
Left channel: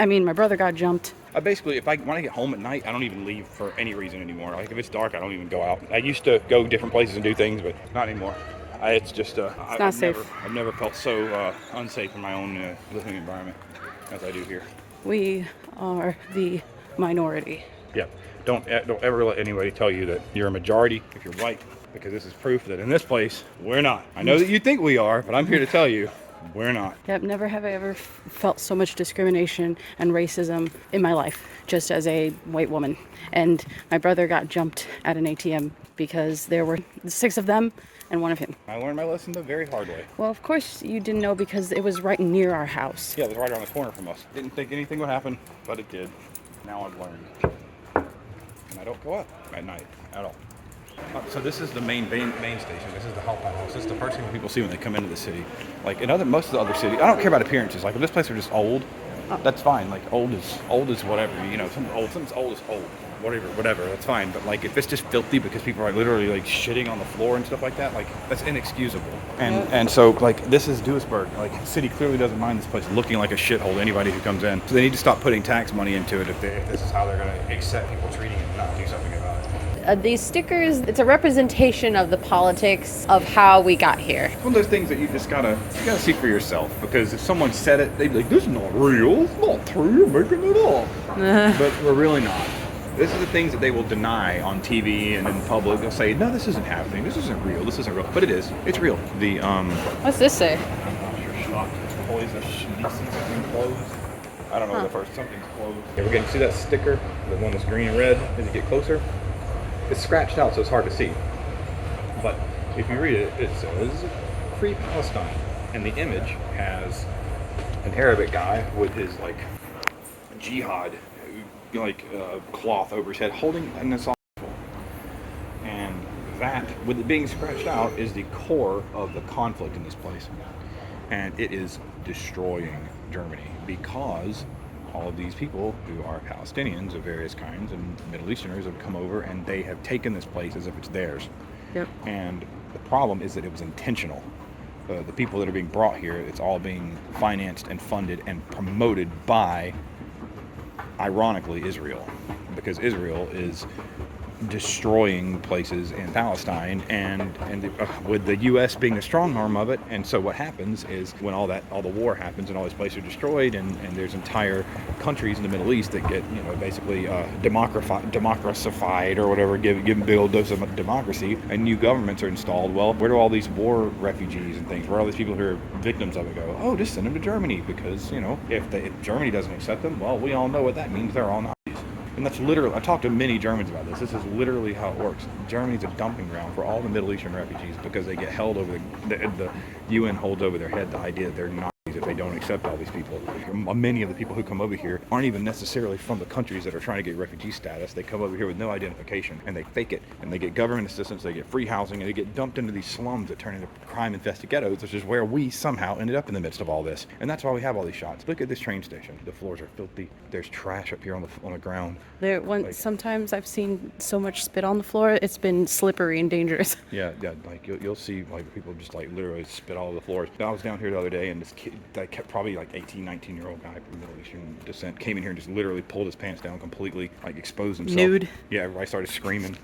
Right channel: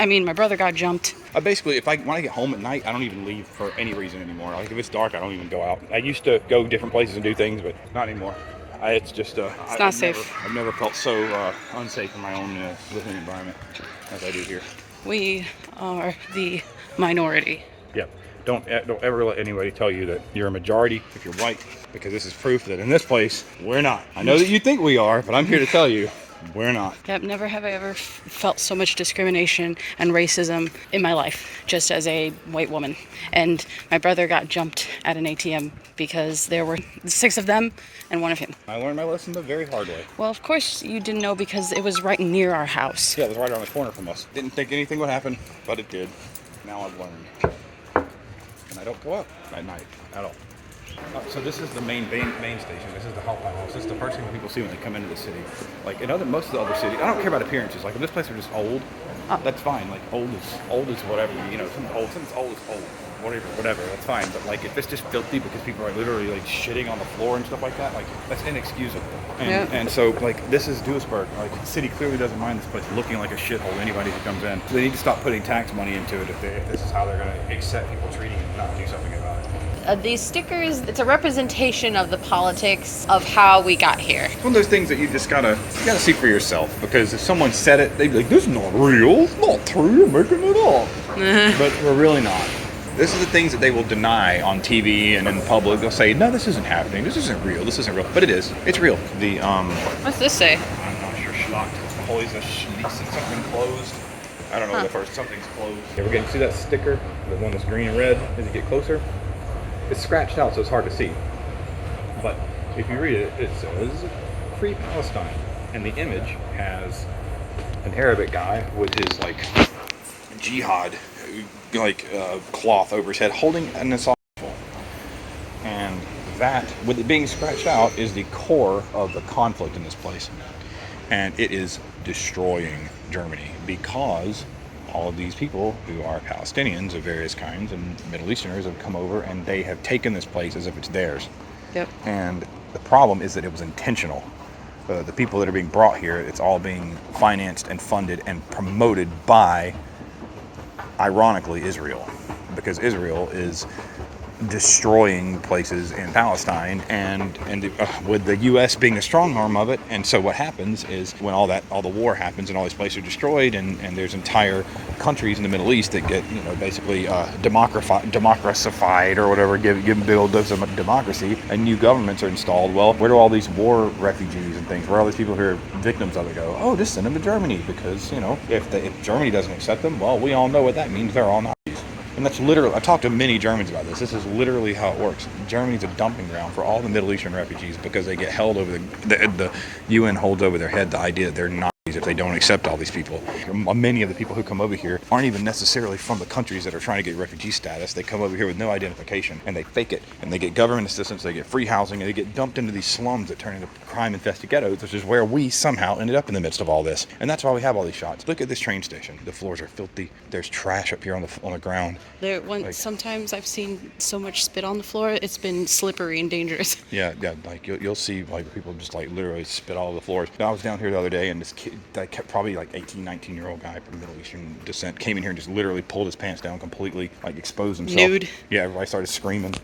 I mean, my brother got jumped. Basically, when I get home at night, I don't even leave for any reason anymore. Like, if it's dark, I don't even go out. I used to go different places and do things, but not anymore. It's just it's not safe. I've never felt so unsafe in my own living environment as I do here. We are the minority. Yeah. Don't ever let anybody tell you that you're a majority if you're white, because this is proof that in this place, we're not. I know that you think we are, but I'm here to tell you, we're not. Yep, never have I ever felt so much discrimination and racism in my life, just as a white woman. And my brother got jumped at an ATM because there were 6 of them and 1 of him. I learned my lesson the very hard way. Well, of course you didn't know, because it was right near our house. Yeah, it was right around the corner from us. Didn't think anything would happen, but it did. Now I've learned. And I don't go up at night at all. So this is the main station. This is the Hauptbahnhof. This is the first thing people see when they come into the city. Like most of the other cities, I don't care about appearances. Like, if this place are just old, that's fine. Like, old is whatever. You know, something's old is old. Whatever, that's fine. But like, if it's just filthy because people are literally like shitting on the floor and stuff like that, like, that's inexcusable. And so, like, this is Duisburg. Like, the city clearly doesn't mind this place looking like a shithole to anybody who comes in. So they need to stop putting tax money into it if this is how they're going to accept people treating it and do something about it. these stickers, it's a representation of the politics of how we got here. One of those things that you gotta see for yourself, because if someone said it, they'd be like, "This is not real. It's not true. You're making it up." But we're really not. This is the things that they will deny on TV and in public. They'll say, "No, this isn't happening. This isn't real. This isn't real." But it is. It's real. The What's this say? I'm not sure. Schlocktoys something closed. I don't know. The first something's closed. Yeah, we're getting see that sticker, the one that's green and red. As you get closer, it's scratched out, so it's hard to see. But if you read it, it says "Free Palestine," and the image has an Arabic guy with his like jihad cloth over his head, holding an assault rifle. And that, with it being scratched out, is the core of the conflict in this place. And it is destroying Germany because all of these people who are Palestinians of various kinds and Middle Easterners have come over and they have taken this place as if it's theirs. Yep. And the problem is that it was intentional. The people that are being brought here, it's all being financed and funded and promoted by, ironically, Israel, because Israel is destroying places in Palestine and with the U.S. being the strong arm of it. And so what happens is when all the war happens and all these places are destroyed and there's entire countries in the Middle East that get basically democracified or whatever, give big old dose of democracy, and new governments are installed. Well, where do all these war refugees and things, where all these people who are victims of it go? Oh, just send them to Germany, because if Germany doesn't accept them, well, we all know what that means. They're all Nazis. And that's literally, I talked to many Germans about this. This is literally how it works. Germany's a dumping ground for all the Middle Eastern refugees because they get held over the UN holds over their head the idea that they're Nazis if they don't accept all these people. Many of the people who come over here aren't even necessarily from the countries that are trying to get refugee status. They come over here with no identification and they fake it, and they get government assistance, they get free housing, and they get dumped into these slums that turn into crime-infested ghettos, which is where we somehow ended up in the midst of all this. And that's why we have all these shots. Look at this train station. The floors are filthy. There's trash up here on the ground. Sometimes I've seen so much spit on the floor, it's been slippery and dangerous. Yeah, like you'll see like people just like literally spit all over the floors. I was down here the other day, and this kid, that kept probably like 18, 19-year-old guy from Middle Eastern descent, came in here and just literally pulled his pants down completely, like exposed himself. Nude. Yeah, everybody started screaming.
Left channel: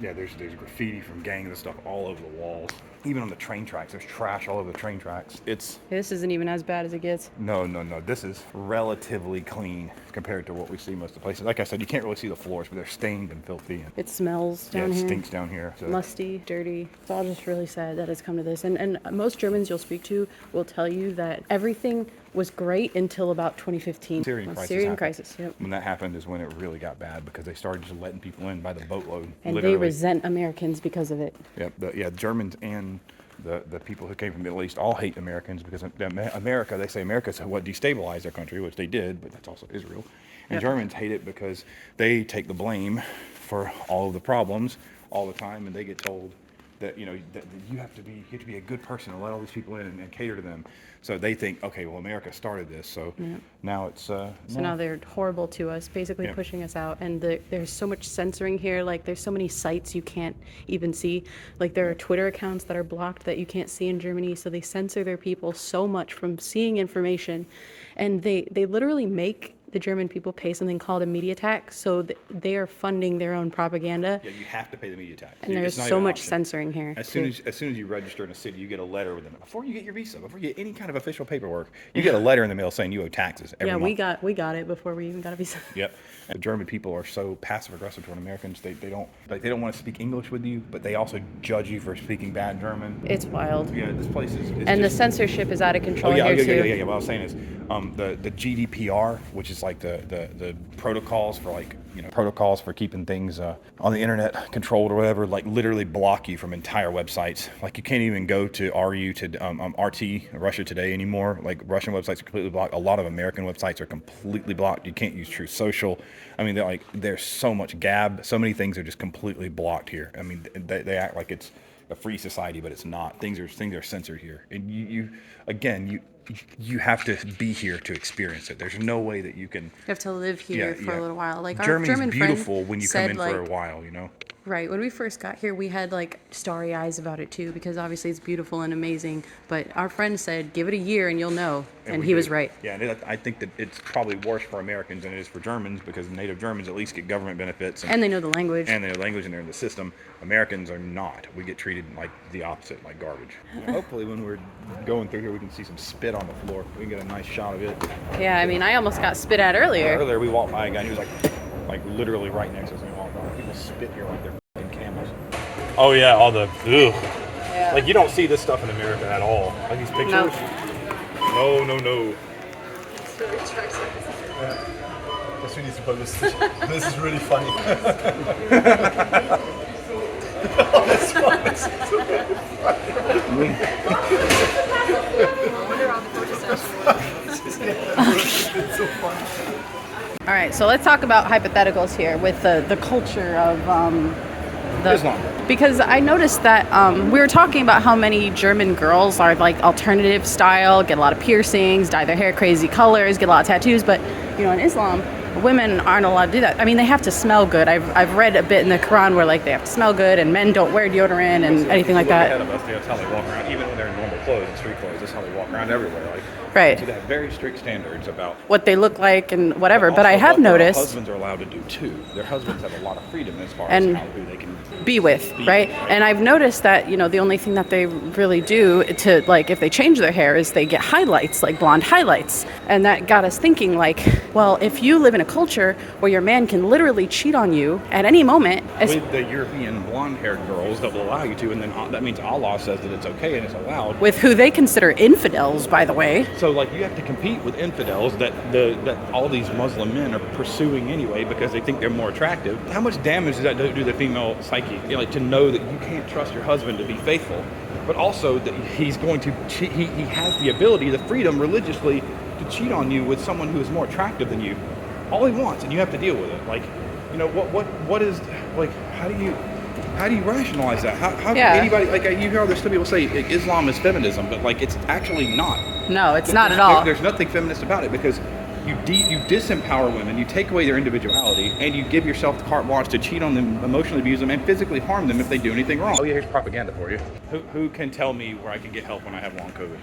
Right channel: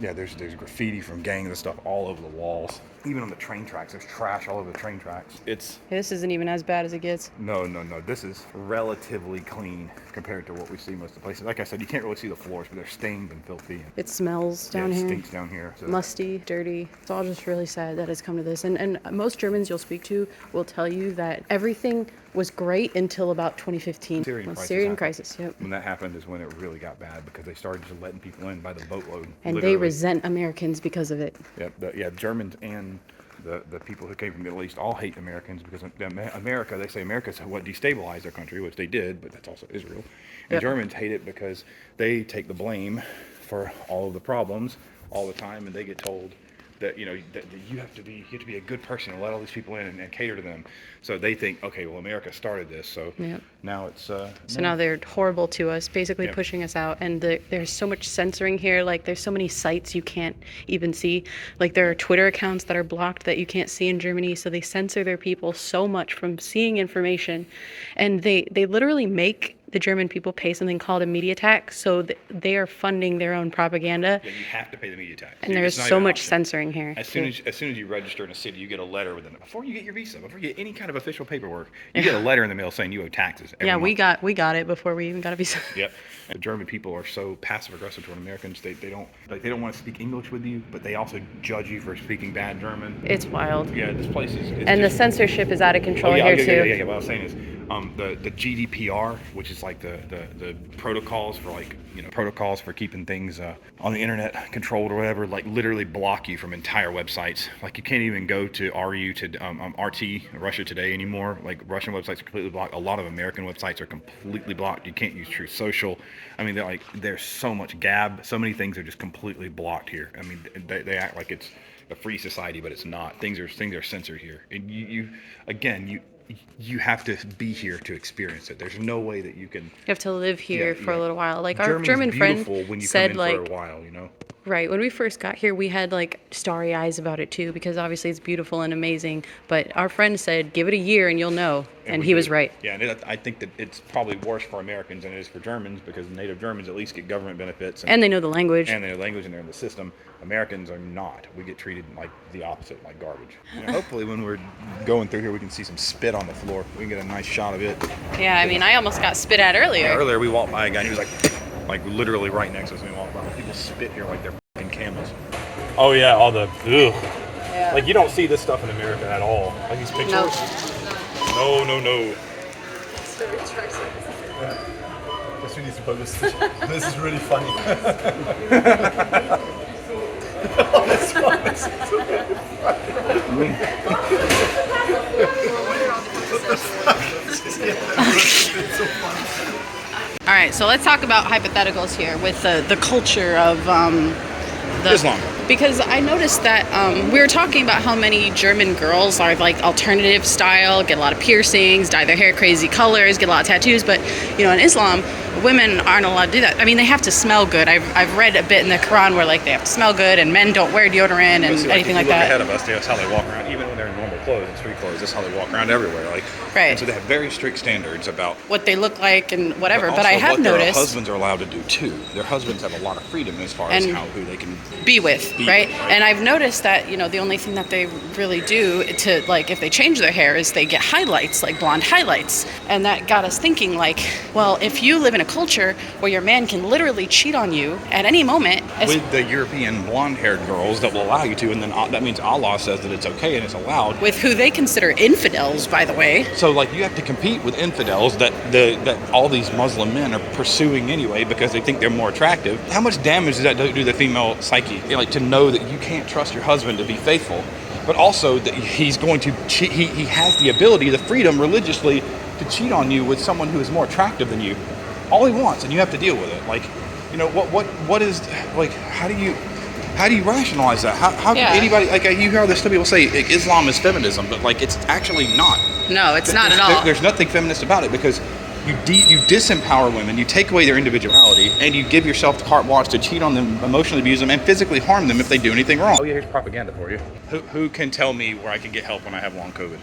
There's graffiti from gangs and stuff all over the walls. Even on the train tracks, there's trash all over the train tracks. This isn't even as bad as it gets. No. This is relatively clean compared to what we see most of the places. Like I said, you can't really see the floors, but they're stained and filthy. It smells down here. It stinks down here. So. Musty, dirty. It's all just really sad that it's come to this. And most Germans you'll speak to will tell you that everything was great until about 2015. Syrian crisis. Yep. When that happened is when it really got bad, because they started just letting people in by the boatload. And literally. They resent Americans because of it. Yeah, Germans and the people who came from the Middle East all hate Americans because America, they say America's what destabilized their country, which they did, but that's also Israel. And yep. Germans hate it because they take the blame for all of the problems all the time, and they get told that that you have to be a good person and let all these people in and cater to them. So they think, okay, well, America started this, so yep. Now it's so now they're horrible to us, basically yep. pushing us out. And there's so much censoring here. Like there's so many sites you can't even see. Like there are Twitter accounts that are blocked that you can't see in Germany. So they censor their people so much from seeing information, and they literally make the German people pay something called a media tax, so they are funding their own propaganda. Yeah, you have to pay the media tax. And there's so much censoring here. As soon as you register in a city, you get a letter within it. Before you get your visa, before you get any kind of official paperwork, you get a letter in the mail saying you owe taxes every month. we got it before we even got a visa. Yep. The German people are so passive aggressive toward Americans. They don't want to speak English with you, but they also judge you for speaking bad German. It's wild. Yeah, this place is. And the censorship is out of control here too. Yeah. What I was saying is, the GDPR, which is like the protocols for protocols for keeping things on the internet controlled or whatever, like literally block you from entire websites. Like you can't even go to RT Russia Today anymore. Like Russian websites are completely blocked. A lot of American websites are completely blocked. You can't use Truth Social. I mean, there's so much Gab. So many things are just completely blocked here. I mean, they act like it's a free society, but it's not. Things are censored here, and you have to be here to experience it. There's no way that you can. You have to live here for a little while. Like Germany's our German friend beautiful when you said, come in for a while, Right. When we first got here, we had like starry eyes about it too, because obviously it's beautiful and amazing. But our friend said, give it a year and you'll know. And he was right. Yeah, and I think that it's probably worse for Americans than it is for Germans, because native Germans at least get government benefits. And they know the language. And they know the language, and they're in the system. Americans are not. We get treated like the opposite, like garbage. Hopefully when we're going through here, we can see some spit on the floor. We can get a nice shot of it. Yeah, I mean, I almost got spit at earlier. Yeah, earlier we walked by a guy, and he was like literally right next to us when we walked by. People spit here like they're fucking camels. Oh yeah, all the ugh. Yeah. Like you don't see this stuff in America at all. Like these pictures. Nope. No. This is really funny. All right, so let's talk about hypotheticals here with the culture of Islam. Because I noticed that we were talking about how many German girls are like alternative style, get a lot of piercings, dye their hair crazy colors, get a lot of tattoos. But in Islam, women aren't allowed to do that. I mean, they have to smell good. I've read a bit in the Quran where like they have to smell good, and men don't wear deodorant and anything like that. Ahead of us, that's how they walk around. Even when they're in normal clothes and street clothes, that's how they walk around everywhere. Like, right. So they have very strict standards about what they look like and whatever. But I also have what noticed their husbands are allowed to do too. Their husbands have a lot of freedom as far as who they can be with, right? And I've noticed that the only thing that they really do to like if they change their hair is they get highlights, like blonde highlights, and that got us thinking like, well, if you live in a culture where your man can literally cheat on you at any moment, with the European blonde-haired girls that will allow you to, and then that means Allah says that it's okay and it's allowed. With who they consider infidels, by the way. So like you have to compete with infidels that all these Muslim men are pursuing anyway because they think they're more attractive. How much damage does that do to the female psyche? Like to know that you can't trust your husband to be faithful, but also that he's going to cheat. He has the ability, the freedom religiously to cheat on you with someone who is more attractive than you. All he wants, and you have to deal with it. Like, what is like? How do you rationalize that? How can anybody, like, you hear there's still people say Islam is feminism, but like it's actually not. No, it's not at all. There's nothing feminist about it because you disempower women, you take away their individuality, and you give yourself carte blanche to cheat on them, emotionally abuse them, and physically harm them if they do anything wrong. Oh yeah, here's propaganda for you. Who can tell me where I can get help when I have long COVID?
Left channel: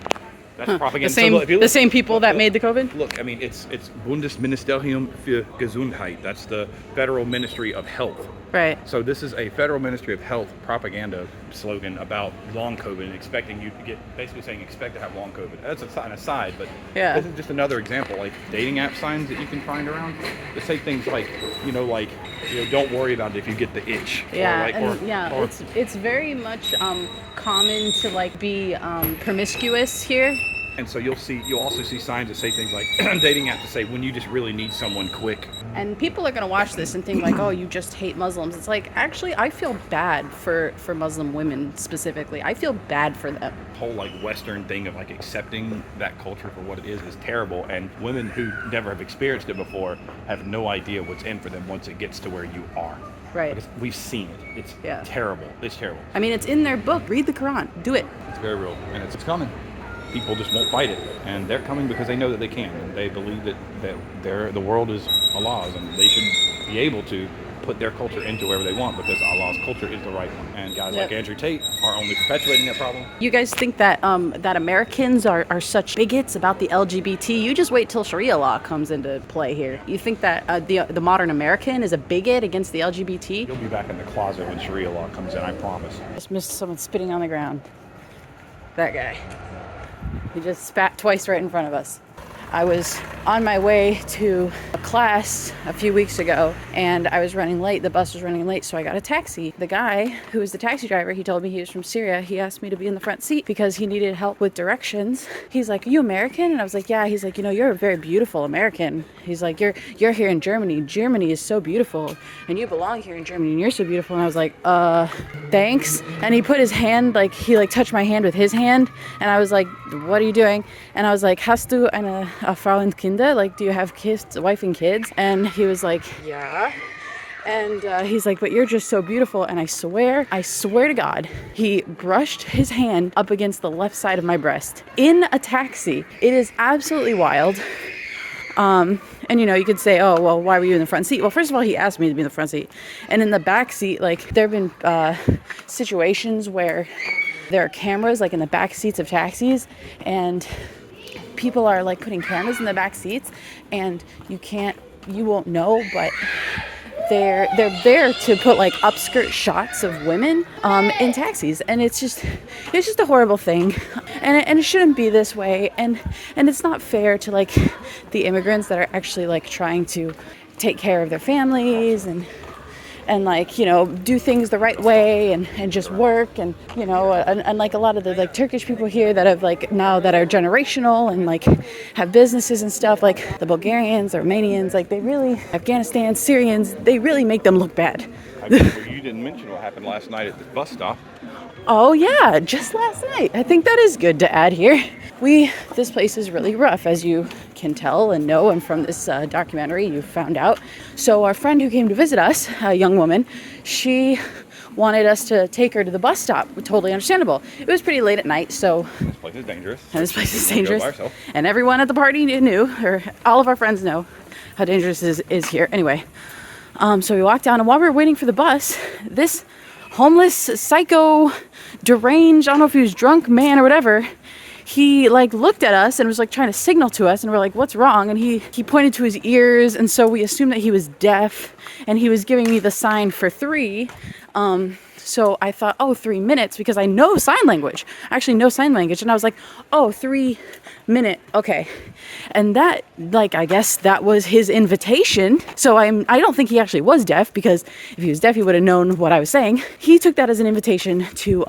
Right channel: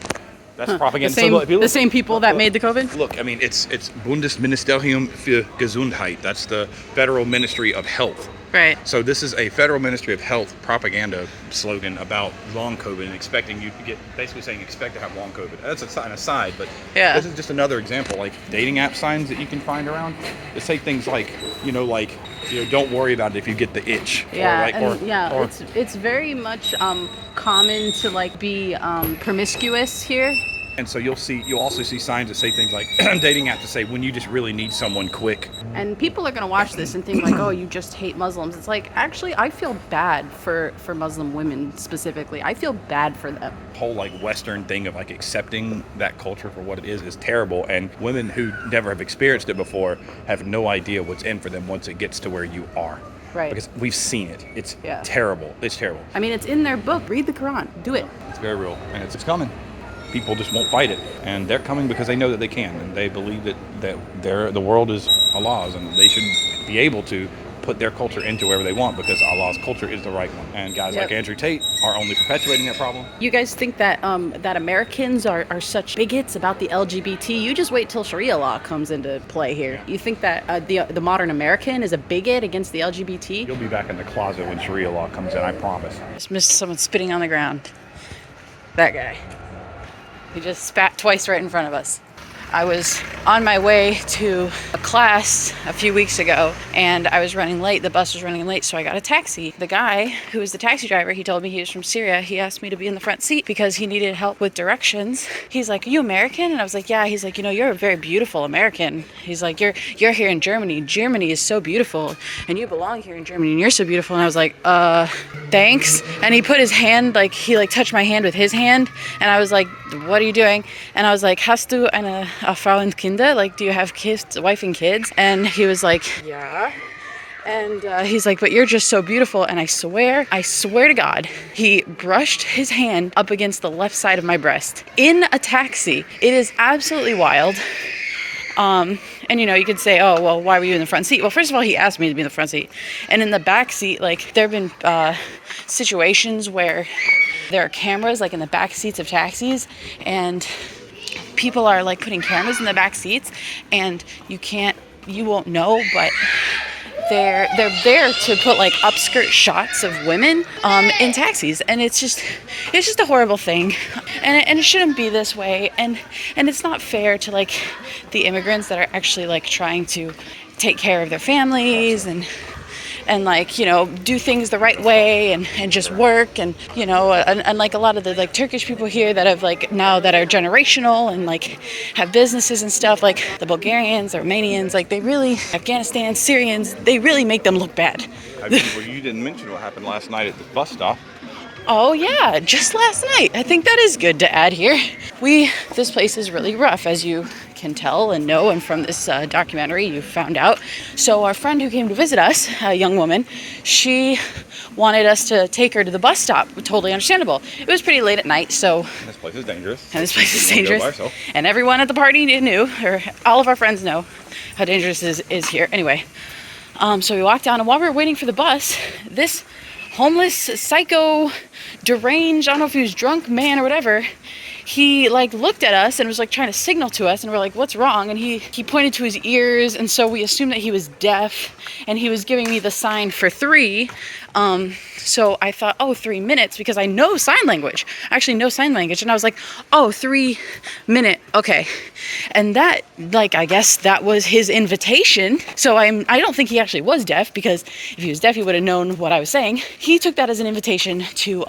That's propaganda. The same people that made the COVID? Look, I mean, it's Bundesministerium für Gesundheit. That's the Federal Ministry of Health. Right. So this is a Federal Ministry of Health propaganda slogan about long COVID and expecting you to basically saying expect to have long COVID. That's an aside, but this is just another example. Like dating app signs that you can find around. They say things like, don't worry about it if you get the itch. Yeah, it's very much common to like be promiscuous here. And so you'll also see signs that say things like dating app to say when you just really need someone quick. And people are going to watch this and think like, oh, you just hate Muslims. It's like, actually, I feel bad for Muslim women specifically. I feel bad for them. The whole like Western thing of like accepting that culture for what it is terrible. And women who never have experienced it before have no idea what's in for them once it gets to where you are. Right. Because we've seen it. It's terrible. It's terrible. I mean, it's in their book. Read the Quran. Do it. It's very real. And it's coming. People just won't fight it, and they're coming because they know that they can, and they believe that the world is Allah's, and they should be able to put their culture into wherever they want because Allah's culture is the right one. And guys like Andrew Tate are only perpetuating that problem. You guys think that that Americans are such bigots about the LGBT? You just wait till Sharia law comes into play here. You think that the modern American is a bigot against the LGBT? You'll be back in the closet when Sharia law comes in, I promise. Just missed someone spitting on the ground. That guy. He just spat twice right in front of us. I was on my way to a class a few weeks ago and I was running late. The bus was running late, so I got a taxi. The guy who was the taxi driver, he told me he was from Syria. He asked me to be in the front seat because he needed help with directions. He's like, "Are you American?" And I was like, "Yeah." He's like, "You're a very beautiful American." He's like, You're here in Germany. Germany is so beautiful and you belong here in Germany and you're so beautiful." And I was like, thanks. And he put his hand, he touched my hand with his hand. And I was like, "What are you doing?" And I was like, "Hast du eine Frau und Kinder? Like, do you have kids, wife and kids?" And he was like, "Yeah." And he's like, "But you're just so beautiful." And I swear to God, he brushed his hand up against the left side of my breast in a taxi. It is absolutely wild. And, you know, you could say, oh, well, why were you in the front seat? Well, first of all, he asked me to be in the front seat. And in the back seat, like, there have been situations where there are cameras, like, in the back seats of taxis, and people are, like, putting cameras in the back seats, and you won't know, but they're there to put, like, upskirt shots of women in taxis, and it's just a horrible thing, and it shouldn't be this way, and it's not fair to, like, the immigrants that are actually, like, trying to take care of their families and like, you know, do things the right way and just work, and, you know, and like a lot of the, like, Turkish people here that have, like, now that are generational and, like, have businesses and stuff, like the Bulgarians, the Romanians, like, they really, Afghanistan, Syrians, they really make them look bad. Well, you didn't mention what happened last night at the bus stop. Oh yeah, just last night. I think that is good to add here. This place is really rough, as you can tell and know, and from this documentary you found out. So our friend who came to visit us, a young woman, she wanted us to take her to the bus stop. Totally understandable. It was pretty late at night, so... This place is dangerous. And this place is dangerous. And everyone at the party knew, or all of our friends know, how dangerous it is here. Anyway, so we walked down, and while we were waiting for the bus, this homeless, psycho, deranged, I don't know if he was drunk man or whatever, he, like, looked at us and was, like, trying to signal to us, and we're like, what's wrong? And he pointed to his ears, and so we assumed that he was deaf, and he was giving me the sign for 3. So I thought, oh, 3 minutes, because I know sign language. I actually know sign language. And I was like, oh, 3 minute. Okay. And that, like, I guess that was his invitation. So I don't think he actually was deaf, because if he was deaf, he would have known what I was saying. He took that as an invitation to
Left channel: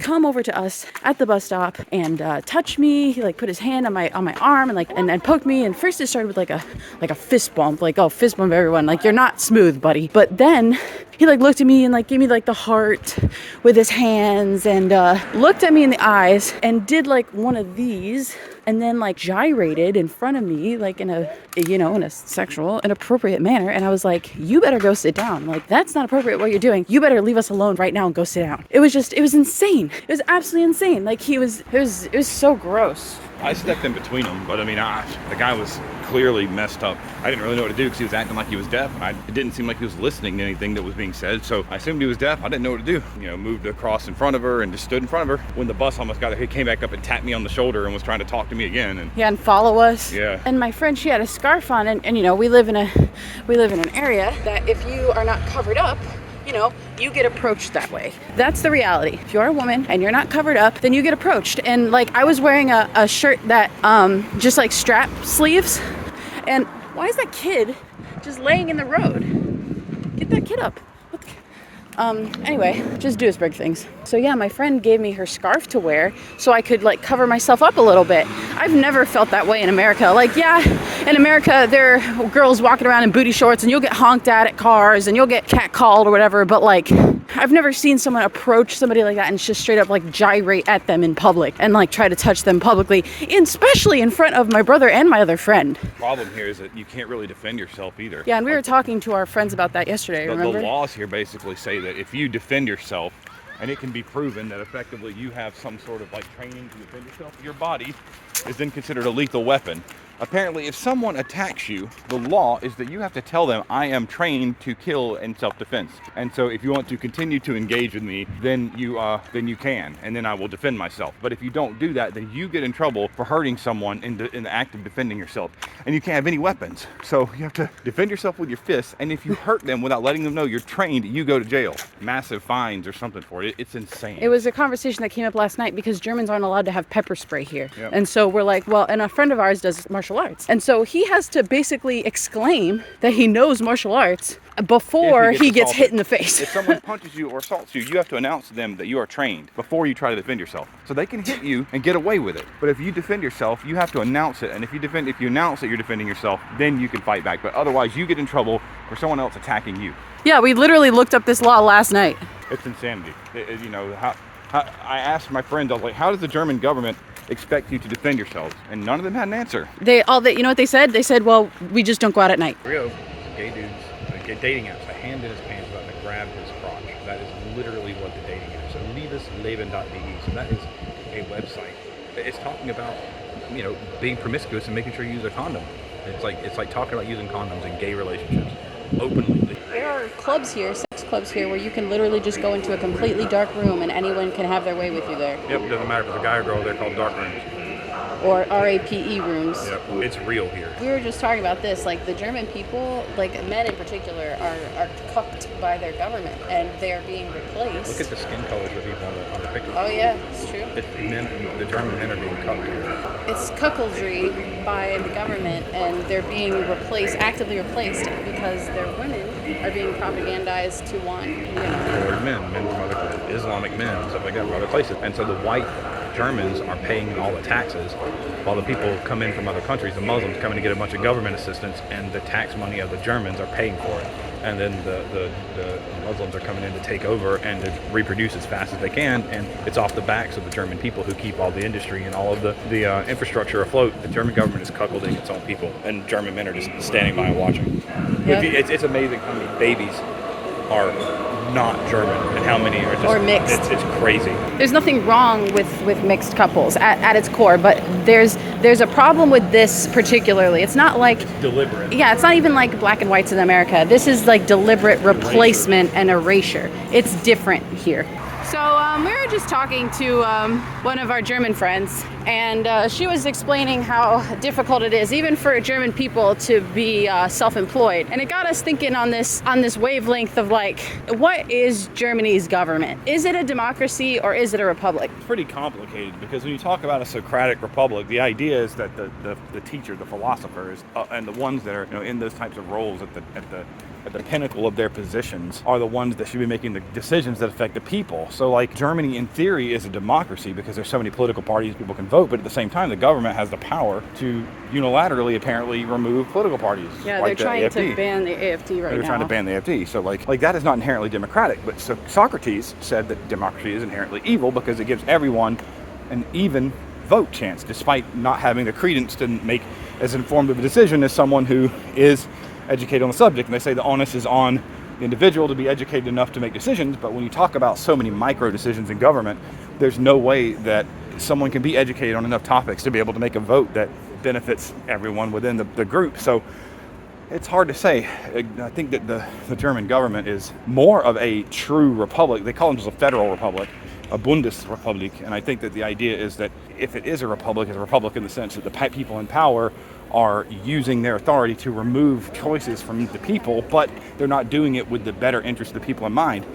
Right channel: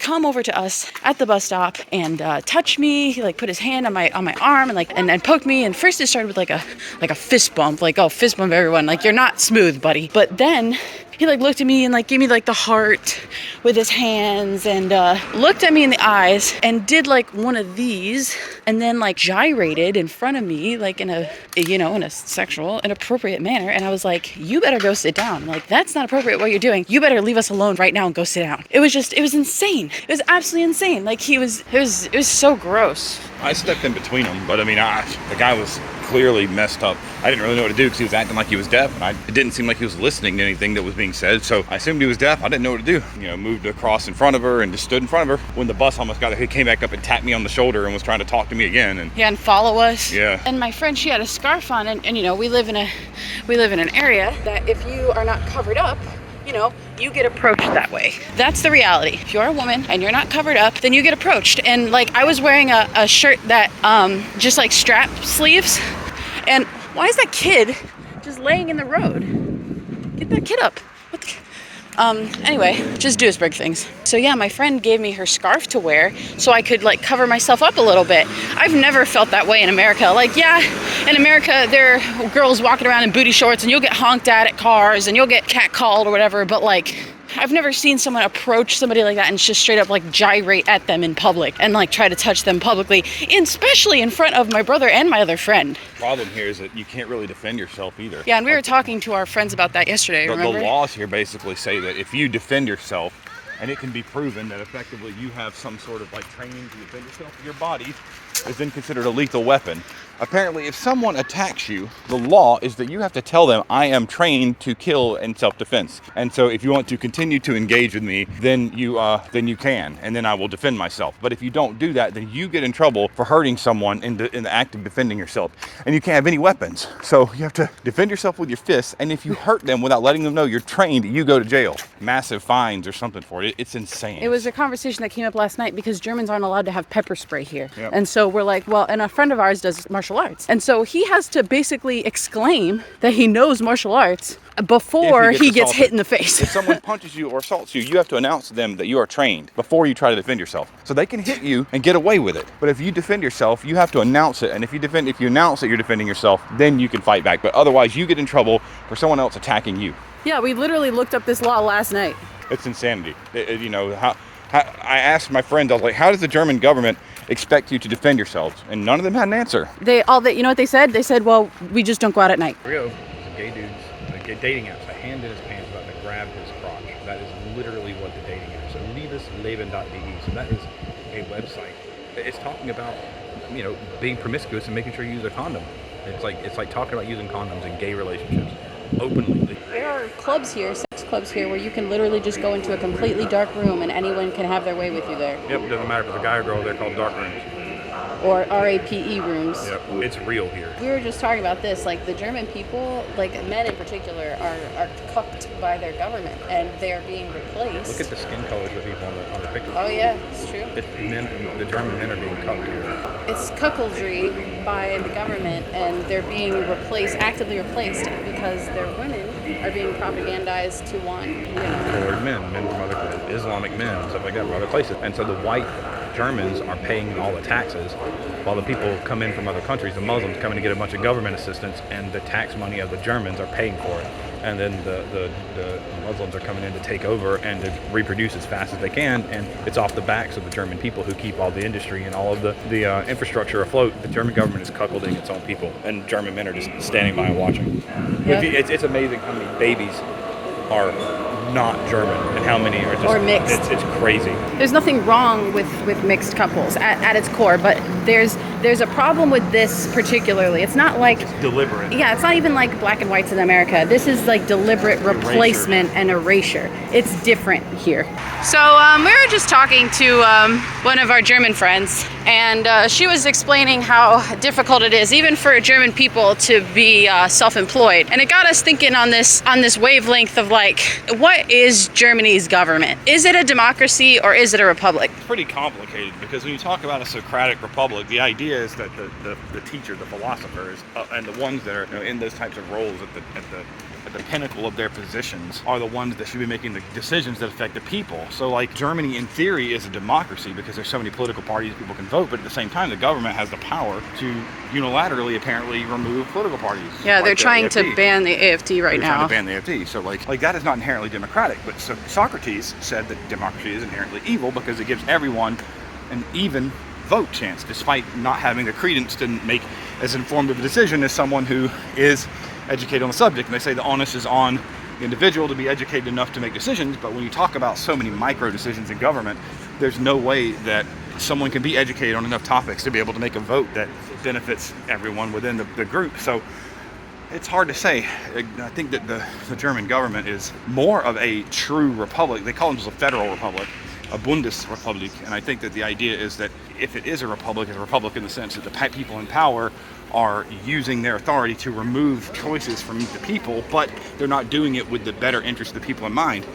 come over to us at the bus stop and touch me. He, like, put his hand on my arm and, like, and poked me. And first it started with like a fist bump, like, oh, fist bump everyone, like, you're not smooth, buddy. But then he, like, looked at me and, like, gave me, like, the heart with his hands, and looked at me in the eyes and did, like, one of these, and then, like, gyrated in front of me, like, in a, you know, in a sexual, inappropriate manner. And I was like, you better go sit down. Like, that's not appropriate what you're doing. You better leave us alone right now and go sit down. It was insane. It was absolutely insane. Like, it was so gross. I stepped in between them, but I mean, the guy was clearly messed up. I didn't really know what to do because he was acting like he was deaf, and it didn't seem like he was listening to anything that was being said. So I assumed he was deaf. I didn't know what to do. You know, moved across in front of her and just stood in front of her. When the bus almost got there, he came back up and tapped me on the shoulder and was trying to talk to me again. And yeah, and follow us. Yeah. And my friend, she had a scarf on, and you know, we live in an area that if you are not covered up, you know, you get approached that way. That's the reality. If you're a woman and you're not covered up, then you get approached. And, like, I was wearing a shirt that just, like, strap sleeves. And why is that kid just laying in the road? Get that kid up. What the... Anyway, just Duisburg things. So yeah, my friend gave me her scarf to wear so I could, like, cover myself up a little bit. I've never felt that way in America. Like, yeah, in America, there are girls walking around in booty shorts, and you'll get honked at cars, and you'll get catcalled or whatever, but, like, I've never seen someone approach somebody like that and just straight up, like, gyrate at them in public and, like, try to touch them publicly, especially in front of my brother and my other friend. the problem here is that you can't really defend yourself either. Yeah, and we were talking to our friends about that yesterday, remember? The laws here basically say that if you defend yourself, and it can be proven that effectively you have some sort of, like, training to defend yourself, your body is then considered a lethal weapon. Apparently, if someone attacks you, the law is that you have to tell them, I am trained to kill in self-defense. And so if you want to continue to engage with me, then you can, and then I will defend myself. But if you don't do that, then you get in trouble for hurting someone in the act of defending yourself. And you can't have any weapons. So you have to defend yourself with your fists, and if you hurt them without letting them know you're trained, you go to jail. Massive fines or something for it. It's insane. It was a conversation that came up last night because Germans aren't allowed to have pepper spray here. Yep. And so we're like, well, and a friend of ours does martial arts. And so he has to basically exclaim that he knows martial arts before he gets hit in the face. If someone punches you or assaults you, you have to announce to them that you are trained before you try to defend yourself. So they can hit you and get away with it. But if you defend yourself, you have to announce it. And if you announce that you're defending yourself, then you can fight back. But otherwise, you get in trouble for someone else attacking you. Yeah, we literally looked up this law last night. It's insanity. You know, I asked my friends, I was like, how does the German government expect you to defend yourselves? And none of them had an answer. You know what they said? They said, well, we just don't go out at night. Real gay dudes get dating apps. I handed his pants up and grabbed his crotch. That is literally what the dating apps are. Liebesleben.de. So that is a website. It's talking about, you know, being promiscuous and making sure you use a condom. It's like talking about using condoms in gay relationships openly. There are clubs here, sex clubs here, where you can literally just go into a completely dark room and anyone can have their way with you there. Yep, it doesn't matter if it's a guy or girl. They're called dark rooms. Or RAPE rooms. Yep, it's real here. We were just talking about this, like the German people, like men in particular, are cucked by their government and they are being replaced. Look at the skin color of the people on the picture. Oh yeah, it's true. The German men are being cucked. It's cuckoldry by the government and they're being actively replaced because their women are being propagandized to want They're men from Islamic men, stuff like that, from other places. And so the white Germans are paying all the taxes, while the people come in from other countries, the Muslims come in to get a bunch of government assistance, and the tax money of the Germans are paying for it. And then the Muslims are coming in to take over and to reproduce as fast as they can, and it's off the backs of the German people who keep all the industry and all of the infrastructure afloat. The German government is cuckolding its own people, and German men are just standing by and watching. Yeah. It's amazing how many babies are not German and how many are just or mixed. It's crazy. There's nothing wrong with mixed couples at its core, but there's a problem with this particularly. It's not like Deliberate. Yeah, it's not even like black and whites in America. This is like deliberate replacement and erasure. It's different here. So we were just talking to one of our German friends, and she was explaining how difficult it is, even for German people, to be self-employed. And it got us thinking on this wavelength of like, what is Germany's government? Is it a democracy or is it a republic? It's pretty complicated because when you talk about a Socratic republic, the idea is that the teacher, the philosophers, and the ones that are in those types of roles at the pinnacle of their positions are the ones that should be making the decisions that affect the people. So like Germany in theory is a democracy because there's so many political parties people can vote, but at the same time the government has the power to unilaterally apparently remove political parties. Yeah, like they're the trying to AfD. ban the AfD right They're now. trying to ban the AfD. So like that is not inherently democratic, but so Socrates said that democracy is inherently evil because it gives everyone an even vote chance, despite not having the credence to make as informed of a decision as someone who is educated on the subject. And they say the onus is on the individual to be educated enough to make decisions, but when you talk about so many micro decisions in government, there's no way that someone can be educated on enough topics to be able to make a vote that benefits everyone within the group. So it's hard to say. I think that the German government is more of a true republic. They call it just a federal republic, a Bundesrepublik, and I think that the idea is that if it is a republic, it's a republic in the sense that the people in power are using their authority to remove choices from the people, but they're not doing it with the better interest of the people in mind.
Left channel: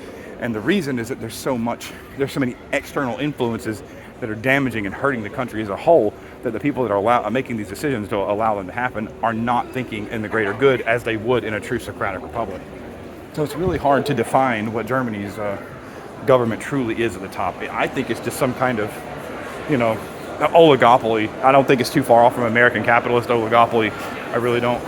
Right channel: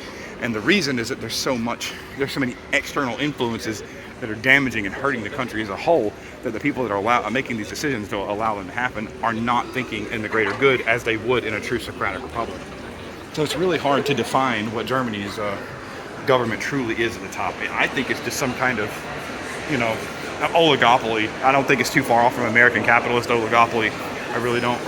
And the reason is that there's so many external influences that are damaging and hurting the country as a whole, that the people that are making these decisions to allow them to happen are not thinking in the greater good as they would in a true Socratic republic. So it's really hard to define what Germany's government truly is at the top. I think it's just some kind of, oligopoly. I don't think it's too far off from American capitalist oligopoly. I really don't.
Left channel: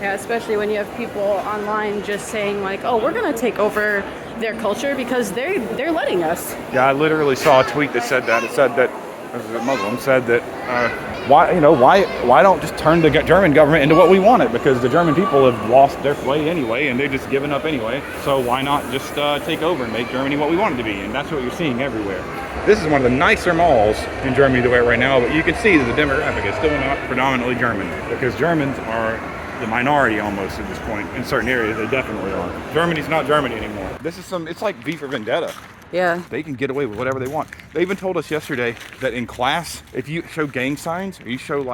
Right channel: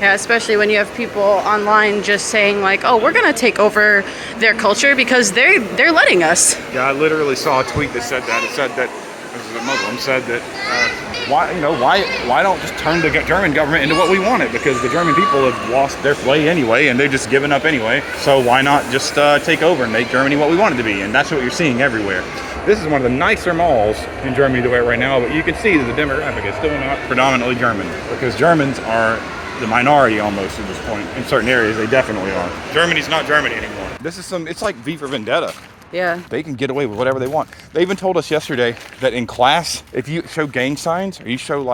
Yeah, especially when you have people online just saying like, "Oh, we're gonna take over their culture because they're letting us." Yeah, I literally saw a tweet that said that. It said that a Muslim said that why don't just turn the German government into what we want it, because the German people have lost their way anyway and they're just giving up anyway. So why not just take over and make Germany what we want it to be? And that's what you're seeing everywhere. This is one of the nicer malls in Germany right now, but you can see that the demographic is still not predominantly German, because Germans are the minority almost at this point. In certain areas, they definitely are. Germany's not Germany anymore. It's like V for Vendetta. Yeah. They can get away with whatever they want. They even told us yesterday that in class, if you show gang signs or you start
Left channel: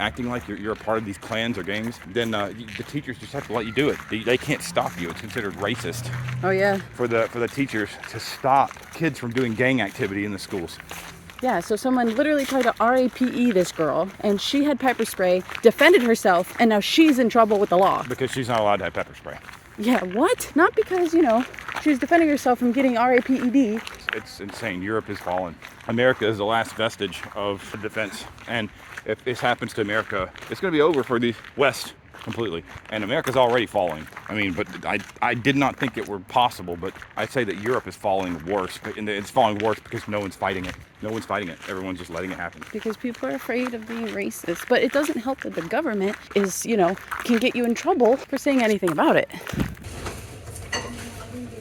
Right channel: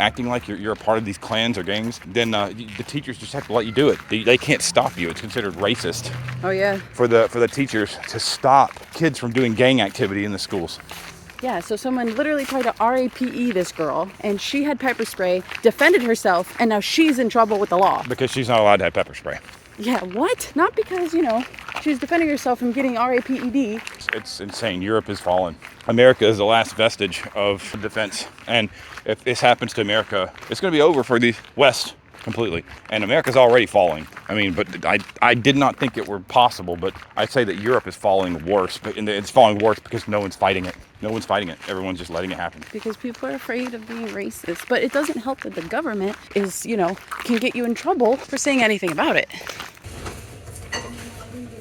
acting like you're a part of these clans or gangs, then the teachers just have to let you do it. They can't stop you. It's considered racist. Oh yeah. For the teachers to stop kids from doing gang activity in the schools. Yeah, so someone literally tried to RAPE this girl, and she had pepper spray, defended herself, and now she's in trouble with the law. Because she's not allowed to have pepper spray. Yeah, what? Not because, she's defending herself from getting RAPED. It's insane. Europe is fallen. America is the last vestige of defense. And if this happens to America, it's going to be over for the West completely. And America's already falling. I mean, but I did not think it were possible, but I'd say that Europe is falling worse. And it's falling worse because no one's fighting it. No one's fighting it. Everyone's just letting it happen. Because people are afraid of being racist. But it doesn't help that the government is, can get you in trouble for saying anything about it.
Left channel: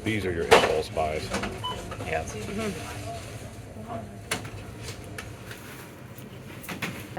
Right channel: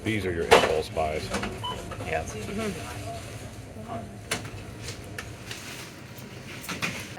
These are your impulse buys. Yeah. Mm-hmm.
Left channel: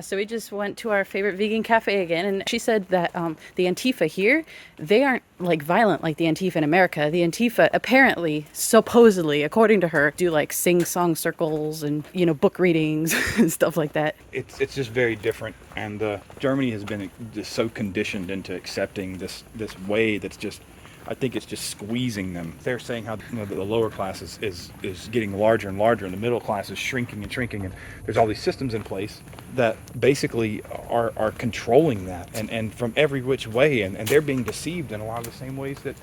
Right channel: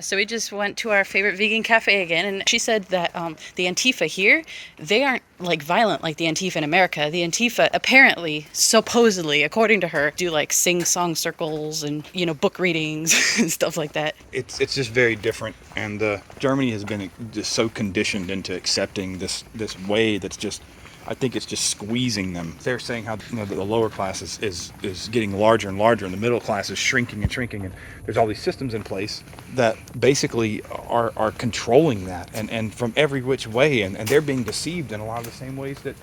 So we just went to our favorite vegan cafe again, and she said that the Antifa here, they aren't like violent like the Antifa in America. The Antifa apparently, supposedly, according to her, do like sing-song circles and, you know, book readings and stuff like that. It's just very different, and Germany has been just so conditioned into accepting this way that's just, I think it's just squeezing them. They're saying how, you know, the lower class is getting larger and larger, and the middle class is shrinking and shrinking, and there's all these systems in place that basically are controlling that, and from every which way, and they're being deceived in a lot of the same ways that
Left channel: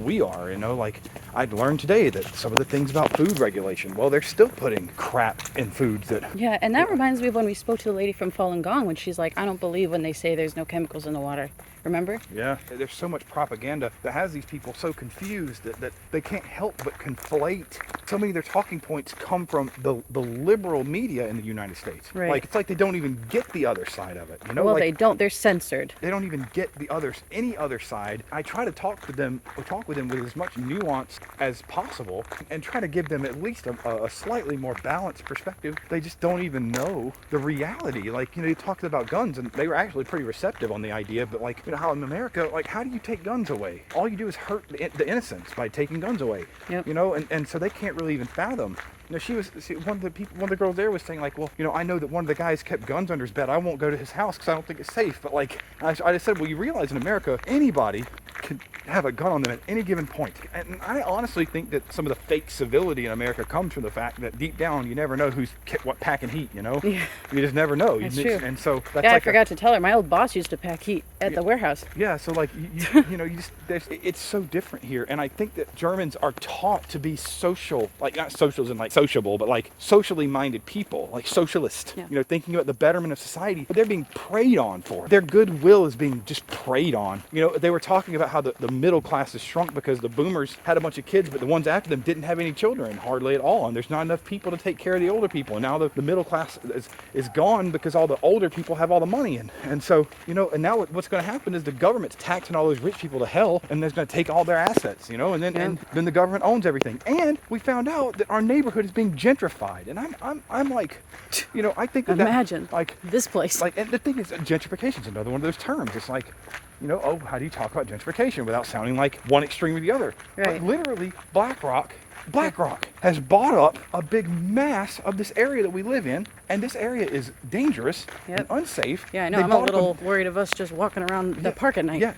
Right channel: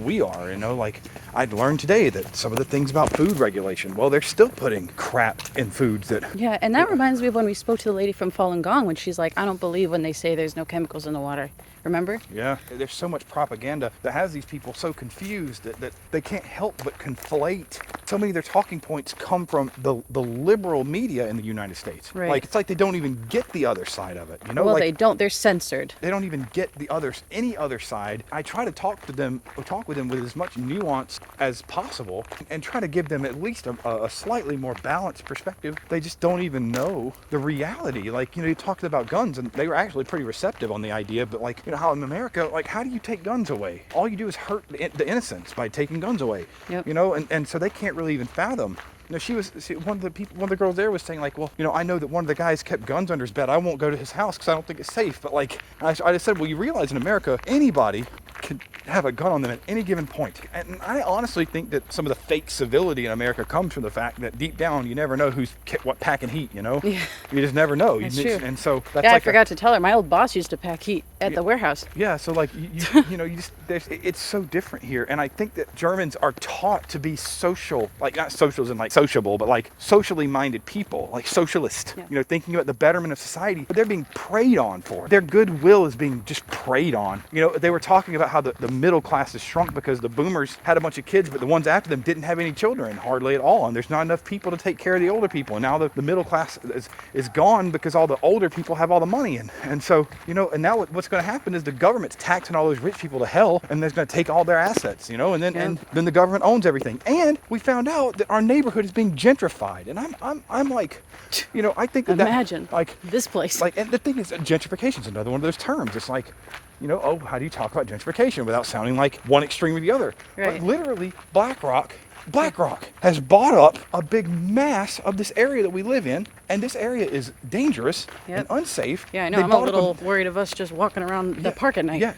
we are, you know. Like, I'd learned today that some of the things about food regulation, well, they're still putting crap in foods that... Yeah, and that reminds me of when we spoke to the lady from Falun Gong, when she's like, I don't believe when they say there's no chemicals in the water. Remember? Yeah, there's so much propaganda that has these people so confused that they can't help but conflate. So many of their talking points come from the liberal media in the United States. Right. Like, it's like they don't even get the other side of it. You know? Well, like, they don't. They're censored. They don't even get any other side. I try to talk with them with as much nuance as possible, and try to give them at least a slightly more balanced perspective. They just don't even know the reality. Like, you know, you talked about guns, and they were actually pretty receptive on the idea, but like, you know, how in America, like, how do you take guns away? All you do is hurt the innocents by taking guns away. Yep. You know, and so they can't really even fathom. You know, one of the girls there was saying, like, well, you know, I know that one of the guys kept guns under his bed. I won't go to his house because I don't think it's safe. But like, I just said, well, you realize in America, anybody could have a gun on them at any given point. And I honestly think that some of the fake civility in America comes from the fact that deep down, you never know who's what packing heat, you know? Yeah. You just never know. That's true. And so that's Yeah, like I forgot to tell her. My old boss used to pack heat at the warehouse. Yeah, so like, you know, it's so different here. And I think that Germans are taught to be social, like, not social as in like sociable, but like socially minded people, like socialist, you know, thinking about the betterment of society, but they're being preyed on for it. Their goodwill is being just preyed on. You know, they were talking about how the middle class has shrunk because the boomers had a bunch of kids, but the ones after them didn't have any children, hardly at all. And there's not enough people to take care of the older people. And now the middle class is gone because all the older people have all the money. And so, you know, and now what's going to happen is the government's taxing all those rich people to hell, and they're going to take all their assets, you know, and then the government owns everything. And we found out that our neighborhood is being gentrified, and I'm like, you know, I think imagine like this place. Like, and the thing is, gentrification is another one of those terms. It's like, you know, oh, how do you talk about gentrification without sounding like one extreme or the other? Right. But literally, BlackRock has bought up a big mass of this area that we live in, and this area is dangerous and unsafe. Yeah, I know. I'm a little worried of us just walking around the park at night. Yeah,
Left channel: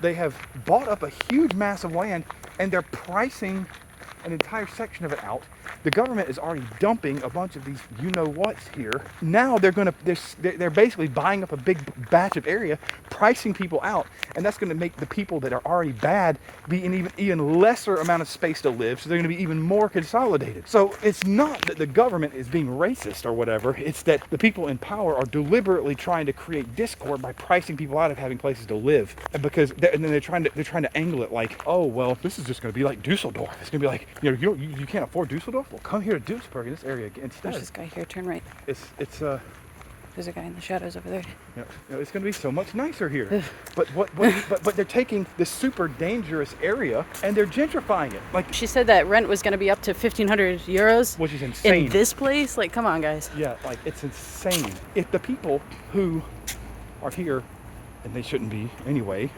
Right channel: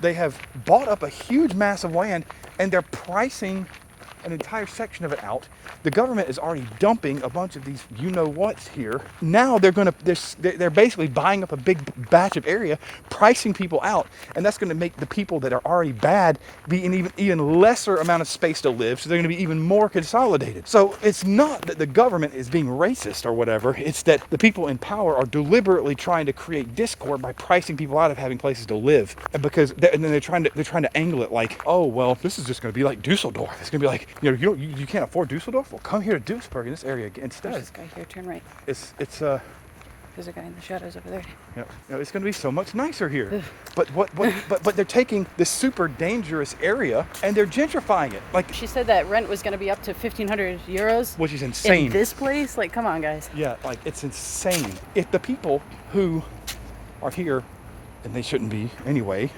they have bought up a huge mass of land, and they're pricing an entire section of it out. The government is already dumping a bunch of these you-know-whats here. Now they're basically buying up a big batch of area, pricing people out, and that's going to make the people that are already bad be in even lesser amount of space to live, so they're going to be even more consolidated. So it's not that the government is being racist or whatever, it's that the people in power are deliberately trying to create discord by pricing people out of having places to live. And because and then they're trying to angle it like, oh, well, this is just going to be like Dusseldorf. It's going to be like, you know, you can't afford Dusseldorf? Well, come here to Duisburg in this area instead. There's this guy here, turn right. There's a guy in the shadows over there. Yeah, it's going to be so much nicer here. but they're taking this super dangerous area and they're gentrifying it. Like, she said that rent was going to be up to 1,500 euros. Which is insane. In this place? Like, come on, guys. Yeah, like, it's insane. If the people who are here, and they shouldn't be anyway,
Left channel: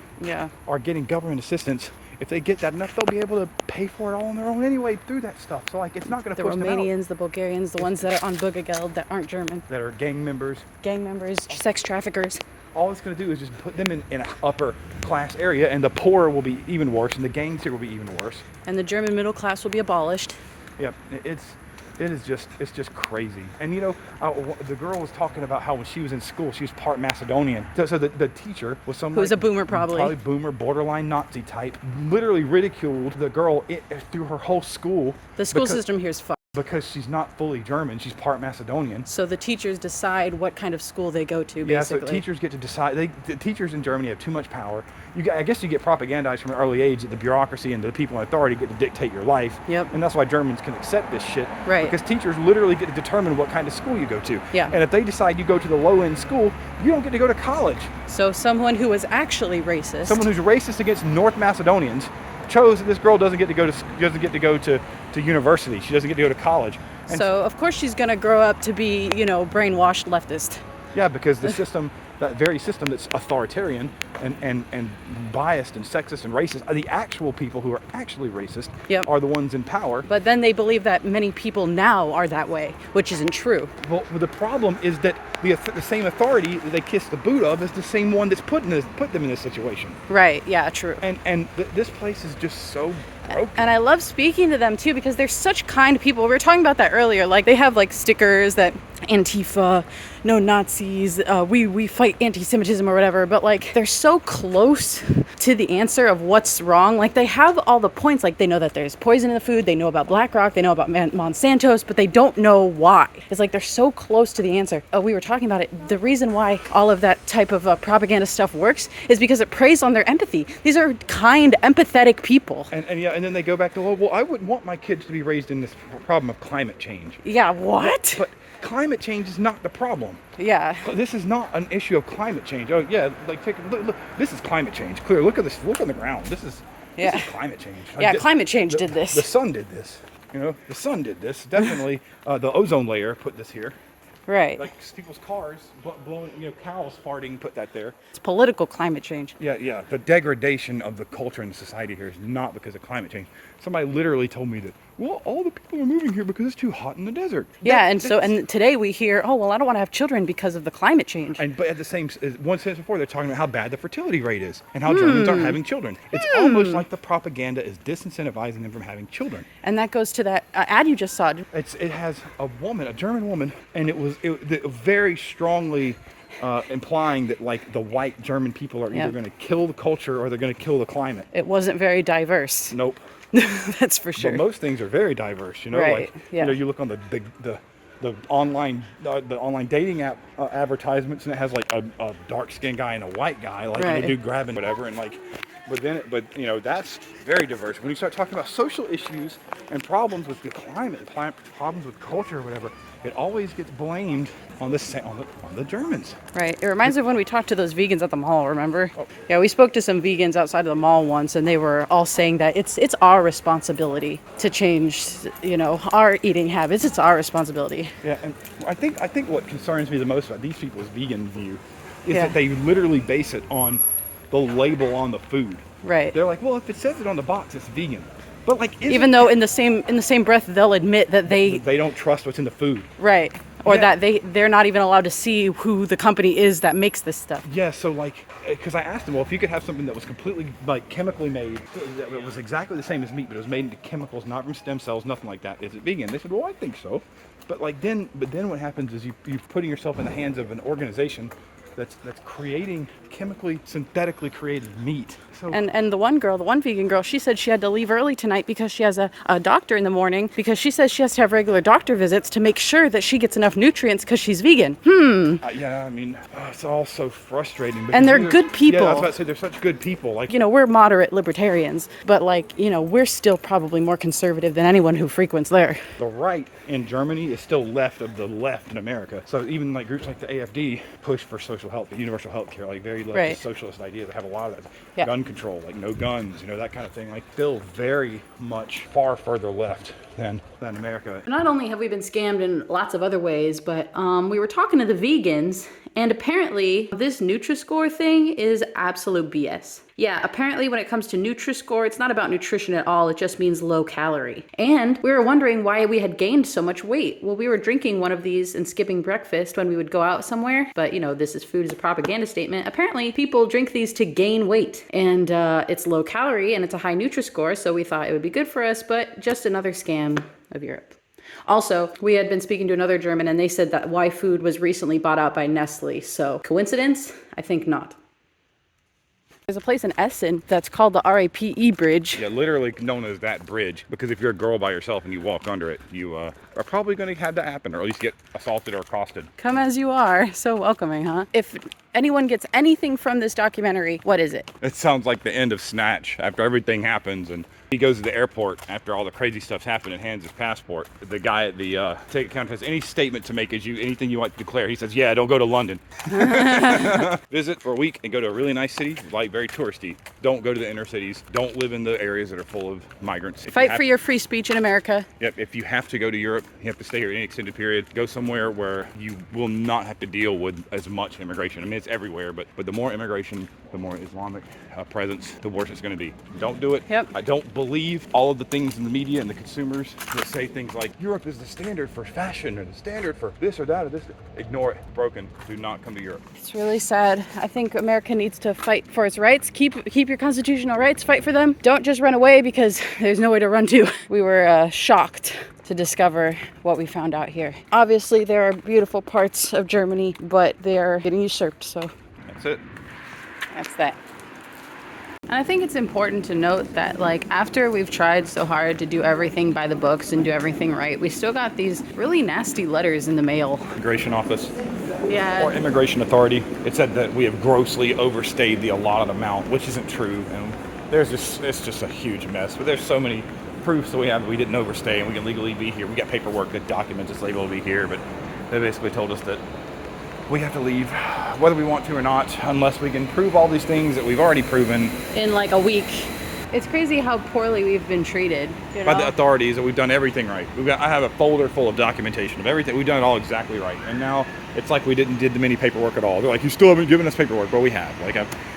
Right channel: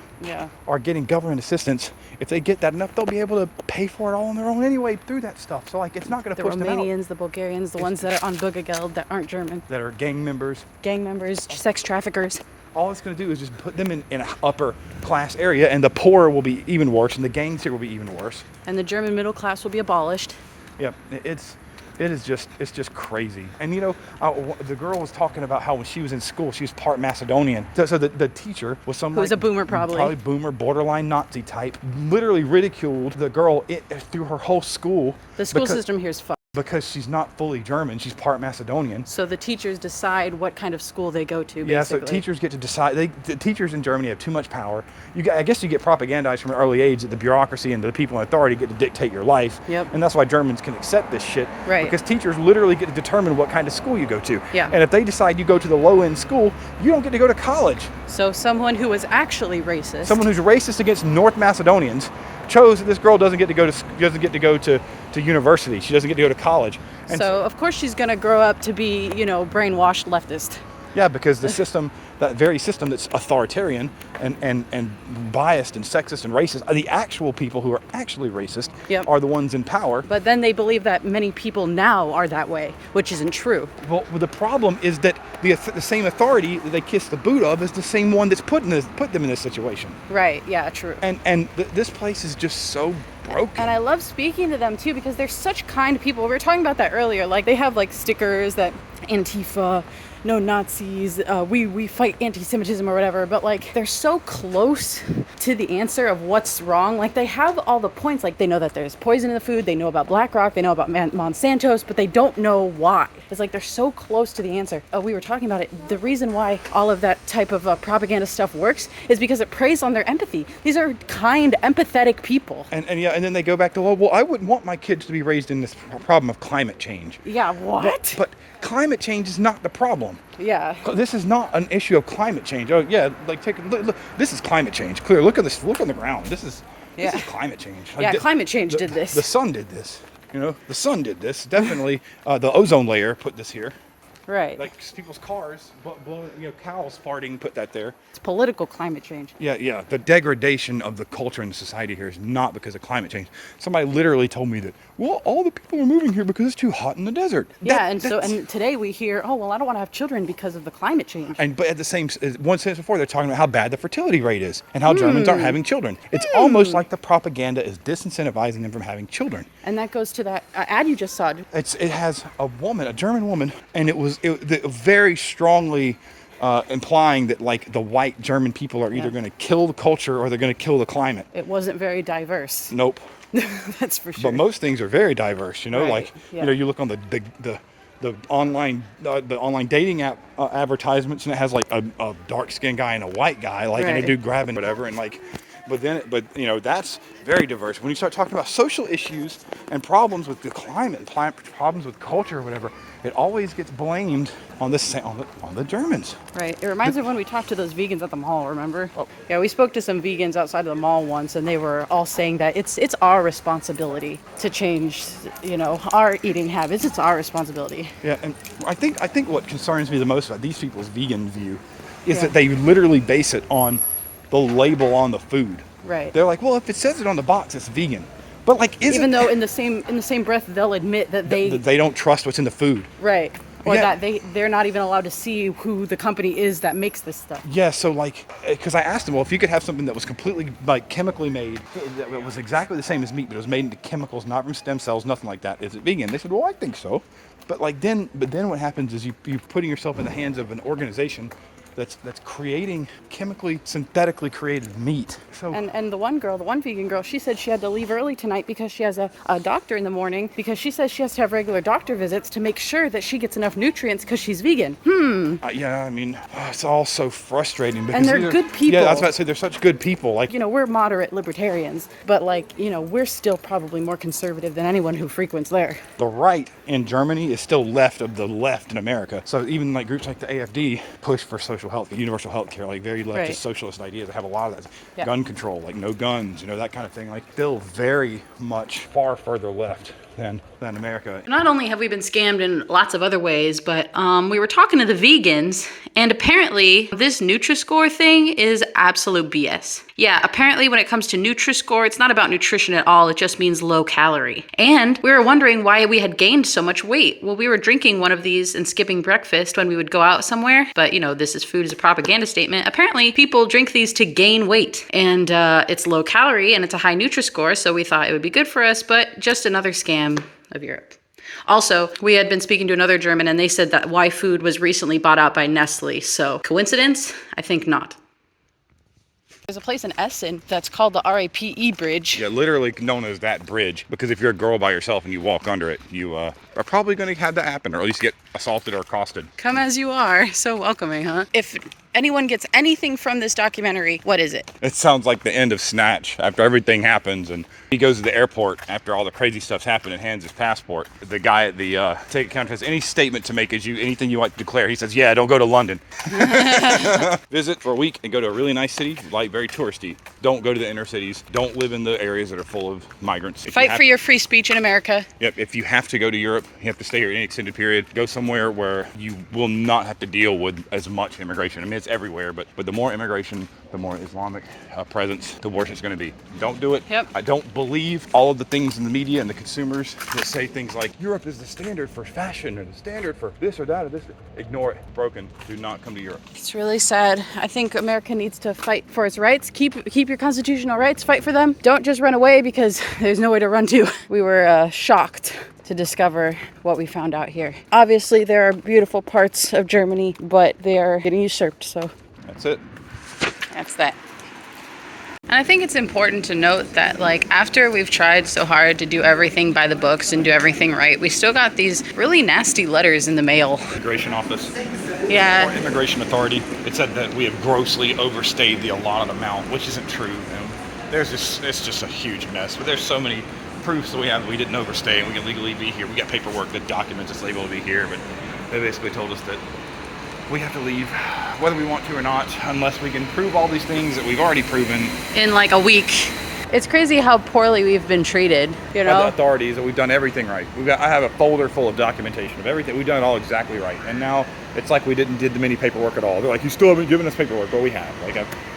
are getting government assistance, if they get that enough, they'll be able to pay for it all on their own anyway through that stuff. So, like, it's not going to push them out. The Romanians, the Bulgarians, the ones that are on Bugageld that aren't German. That are gang members, sex traffickers. All it's going to do is just put them in an upper class area, and the poor will be even worse, and the gangs here will be even worse. And the German middle class will be abolished. Yeah, it's just crazy. And you know, the girl was talking about how when she was in school, she was part Macedonian. So the teacher was some who's a boomer, probably boomer, borderline Nazi type, literally ridiculed the girl through her whole school. The school system here is fucked. Because she's not fully German, she's part Macedonian. So the teachers decide what kind of school they go to, basically. Yeah, so teachers get to decide. The teachers in Germany have too much power. I guess you get propagandized from an early age that the bureaucracy and the people in authority get to dictate your life. Yep. And that's why Germans can accept this shit. Right. Because teachers literally get to determine what kind of school you go to. Yeah. And if they decide you go to the low-end school, you don't get to go to college. So someone who was actually racist. Someone who's racist against North Macedonians chose that this girl doesn't get to go to university. She doesn't get to go to college. And so of course she's going to grow up to be, you know, brainwashed leftist. Yeah, because the system, that very system that's authoritarian and biased and sexist and racist, the actual people who are actually racist Yep. are the ones in power. But then they believe that many people now are that way, which isn't true. Well, the problem is that the same authority that they kiss the boot of is the same one that's put them in this situation. Right, yeah, true. And this place is just so broken. And I love speaking to them too because they're such kind people. We were talking about that earlier. Like they have like stickers that Antifa, no Nazis, we fight anti-Semitism or whatever. But like they're so close to the answer of what's wrong. Like they have all the points. Like they know that there's poison in the food. They know about BlackRock. They know about Monsanto's, but they don't know why. It's like they're so close to the answer. We were talking about it. The reason why all of that type of propaganda stuff works is because it preys on their empathy. These are kind, empathetic people. And then they go back to, well, I wouldn't want my kids to be raised in this problem of climate change. Yeah, what? But climate change is not the problem. Yeah. This is not an issue of climate change. Oh yeah, like take a look. This is climate change. Clear. Look at this. Look on the ground. This is climate change. Yeah, climate change did this. The sun did this. You know, the sun did this. Definitely, the ozone layer put this here. Right. Like people's cars blowing, cows farting put that there. It's political climate change. Yeah. The degradation of the culture and society here is not because of climate change. Somebody literally told me that, well, all the people are moving here because it's too hot in the desert. And today we hear, oh, well, I don't want to have children because of the climate change. But at the same, one sentence before, they're talking about how bad the fertility rate is and how Germans aren't having children. It's almost like the propaganda is disincentivizing them from having children. And that goes to that ad you just saw. It has a German woman, and it was very strongly implying that like the white German people are either going to kill the culture or they're going to kill the climate. It wasn't very diverse. Nope. That's for sure. But most things are very diverse, Right, you look on the online dating app advertisements, and it has like a dark skinned guy and a white guy, like Right. a dude grabbing whatever, and like, but that's very diverse. When you start talking about social issues and problems with the climate, problems with culture or whatever, it always gets blamed on the Germans. Right. It reminds me of when we talked to those vegans at the mall, remember? Oh. Yeah, we spoke to some vegans outside of the mall once, and they were all saying that it's our responsibility to change, our eating habits. It's our responsibility. Yeah, and I think what concerns me the most about these people's vegan view is that they literally base it on the label on the food. Right. They're like, well, if it says it on the box, it's vegan. But like, even though in the same breath they'll admit that they don't trust what's in the food. Right. Or that they're not even allowed to see who the company is that makes this stuff. Yeah, so like, because I asked them, well, if you could have something that was completely like chemically made, that was exactly the same as meat, but it was made into chemicals, not from stem cells, nothing like that, is it vegan? They said, well, I think so. But then what happens is you're putting yourself in the hands of an organization that's creating synthetically created meat. So, and the one vegan girl, she said she had to leave early tonight because she has a doctor in the morning, because she says she has to have regular doctor visits to make sure that she gets enough nutrients because she's vegan. It's all so frustrating. And they're good people. Yeah, I was about to say, they're such good people. Like, we're moderate libertarians, but we're still probably more conservative than anyone who frequents there. The right in Germany is still left of the left in America. So even like groups like the AfD push for social health, universal health care, like very leftist socialist ideas. They have a lot of that. Yeah. Gun control, like no guns, that kind of thing. Like still very much far further left than America. Not only have we been scammed in lots of other ways, but we were talking to the vegans, and apparently this Nutri-Score thing is absolute BS. Yeah, apparently when it comes to Nutri-Score, it's not about nutrition at all. It just means low calorie. And we were wondering why we had gained so much weight. Well, we were drinking one of these and skipping breakfast when we would go out somewhere. But, this is food as a propaganda statement. Apparently, people drink these to gain weight. And it's low calorie and it's a high Nutri-Score, so we thought it would be good for us, but just another scam of Europe. Also, we had been speaking to another German, and they said that Y Food was recently bought out by Nestle. So, coincidence? I think not. There's a place in Essen that's called the RAPE Bridge. Yeah, literally known as that bridge, because if you're a girl by yourself and you walk under it, you are probably going to have that happen, or at least get assaulted or accosted. Come as you are. So welcoming, huh? If anyone gets anything from this documentary, what is it? It sounds like the end of Snatch, after everything happens and he goes to the airport after all the crazy stuff's happened and hands his passport. The guy at the ticket counter has any statement to make, anything you want to declare. He says, yeah, don't go to London. Visit for a week and go to a really nice city, like very touristy. Don't go to the inner cities. Don't live in the areas that are full of migrants. Fight for your free speech in America. Yep, if you have to go to Europe, you have to stay here any extended period, go somewhere where you will not have to deal with as much immigration. I mean, it's everywhere, but the more immigration, the more Islamic presence, the worse it's going to be. Don't do it. Yep. I don't believe all of the things in the media and the consumers that say things like Europe is the standard for fashion or the standard for this or that or this. Ignore it. Broken. Do not come to Europe. It's really sad. I think America needs to fight for its rights. Keep your constitutional rights. Fight for them. Don't just run away because there's no way to run to. We were shocked to discover what we found out here. Obviously, there are beautiful parts of Germany, but they are getting usurped. So That's it. that's that. And I think it's important to note that, like, after we've tried so hard to do everything by the books and do everything right, we still got these really nasty letters in the mail. Immigration office. Yeah. Or immigration authority. It said that we have grossly overstayed the allotted amount, which isn't true. And it's just a huge mess. But there's so many proofs that we have that we didn't overstay and we can legally be here. We got paperwork that documents us able to be here, but they basically told us that we have to leave whether we want to or not, unless we can prove all these things that we've already proven In like a week. It's crazy how poorly we've been treated, you by the know? authorities, that we've done everything right. I have a folder full of documentation of everything. We've done it all exactly right. And now it's like we did the many paperwork at all. They're like, you still haven't given us paperwork, but we have.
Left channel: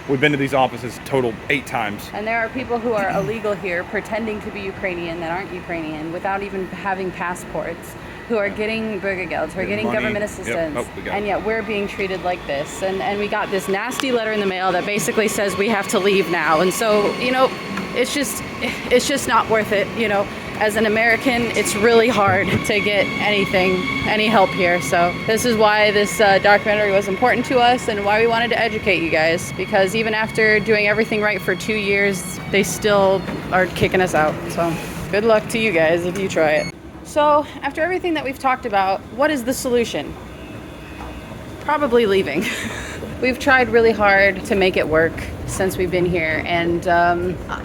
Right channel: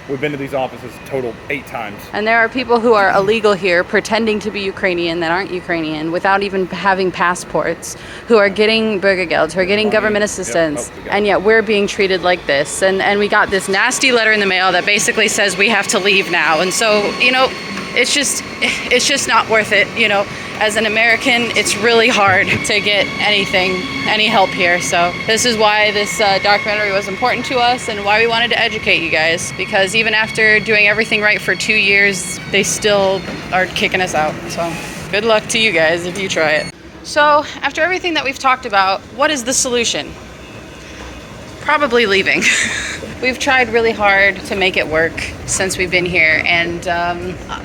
We've been to these offices total 8 times. And there are people who are illegal here pretending to be Ukrainian that aren't Ukrainian without even having passports, who are getting Bürgergeld, who are getting Money. government Yep. assistance, Oh, we got and it. yet we're being treated like this. And we got this nasty letter in the mail that basically says we have to leave now. And so, you know, it's just not worth it, you know. As an American, it's really hard to get any help here. So this is why this documentary was important to us and why we wanted to educate you guys. Because even after doing everything right for 2 years, they still are kicking us out. So good luck to you guys if you try it. So after everything that we've talked about, what is the solution? Probably leaving. We've tried really hard to make it work since we've been here, and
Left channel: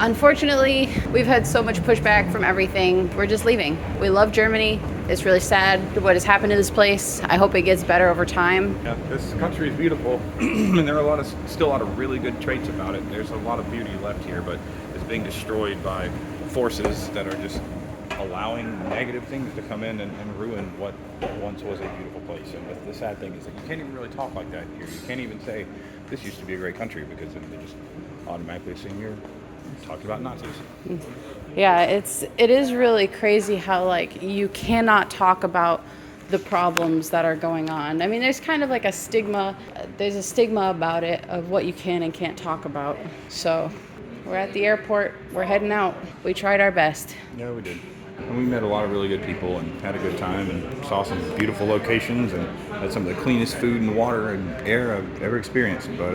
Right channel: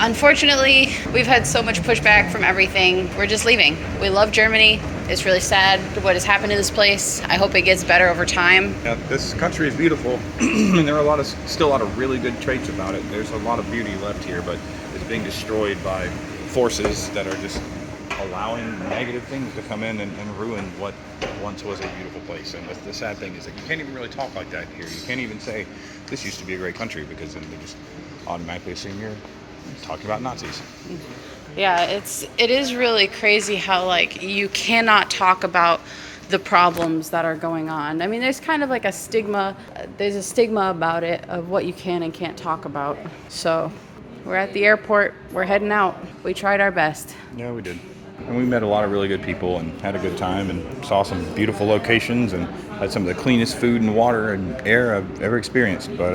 unfortunately, we've had so much pushback from everything. We're just leaving. We love Germany. It's really sad what has happened to this place. I hope it gets better over time. Yeah, this country is beautiful, and there are still a lot of really good traits about it. There's a lot of beauty left here, but it's being destroyed by forces that are just allowing negative things to come in and ruin what once was a beautiful place. And the sad thing is that you can't even really talk like that here. You can't even say this used to be a great country, because then they just automatically assume you're talking about Nazis. Yeah, it is really crazy how, like, you cannot talk about the problems that are going on. I mean, there's kind of like a stigma. There's a stigma about it of what you can and can't talk about. So we're at the airport. We're heading out. We tried our best. Yeah, we did. And we met a lot of really good people and had a good time and saw some beautiful locations and had some of the cleanest food and water and air I've ever experienced. But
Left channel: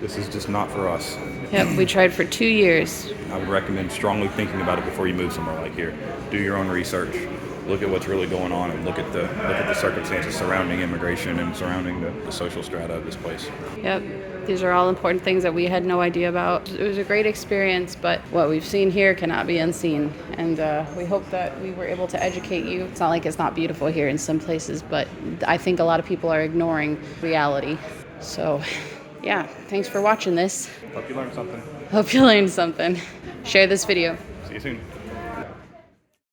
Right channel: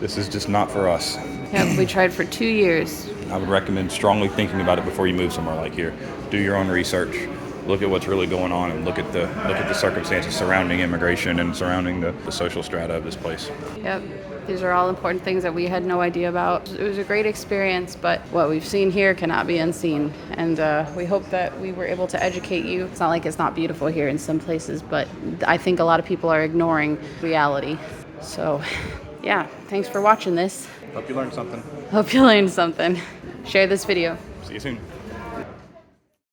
this is just not for us. Yep, we tried for 2 years. I would recommend strongly thinking about it before you move somewhere like here. Do your own research. Look at what's really going on and look at the circumstances surrounding immigration and surrounding the social strata of this place. Yep. These are all important things that we had no idea about. It was a great experience, but what we've seen here cannot be unseen. And we hope that we were able to educate you. It's not like it's not beautiful here in some places, but I think a lot of people are ignoring reality. So, yeah, thanks for watching this. Hope you learned something. Hope you learned something. Share this video. See you soon.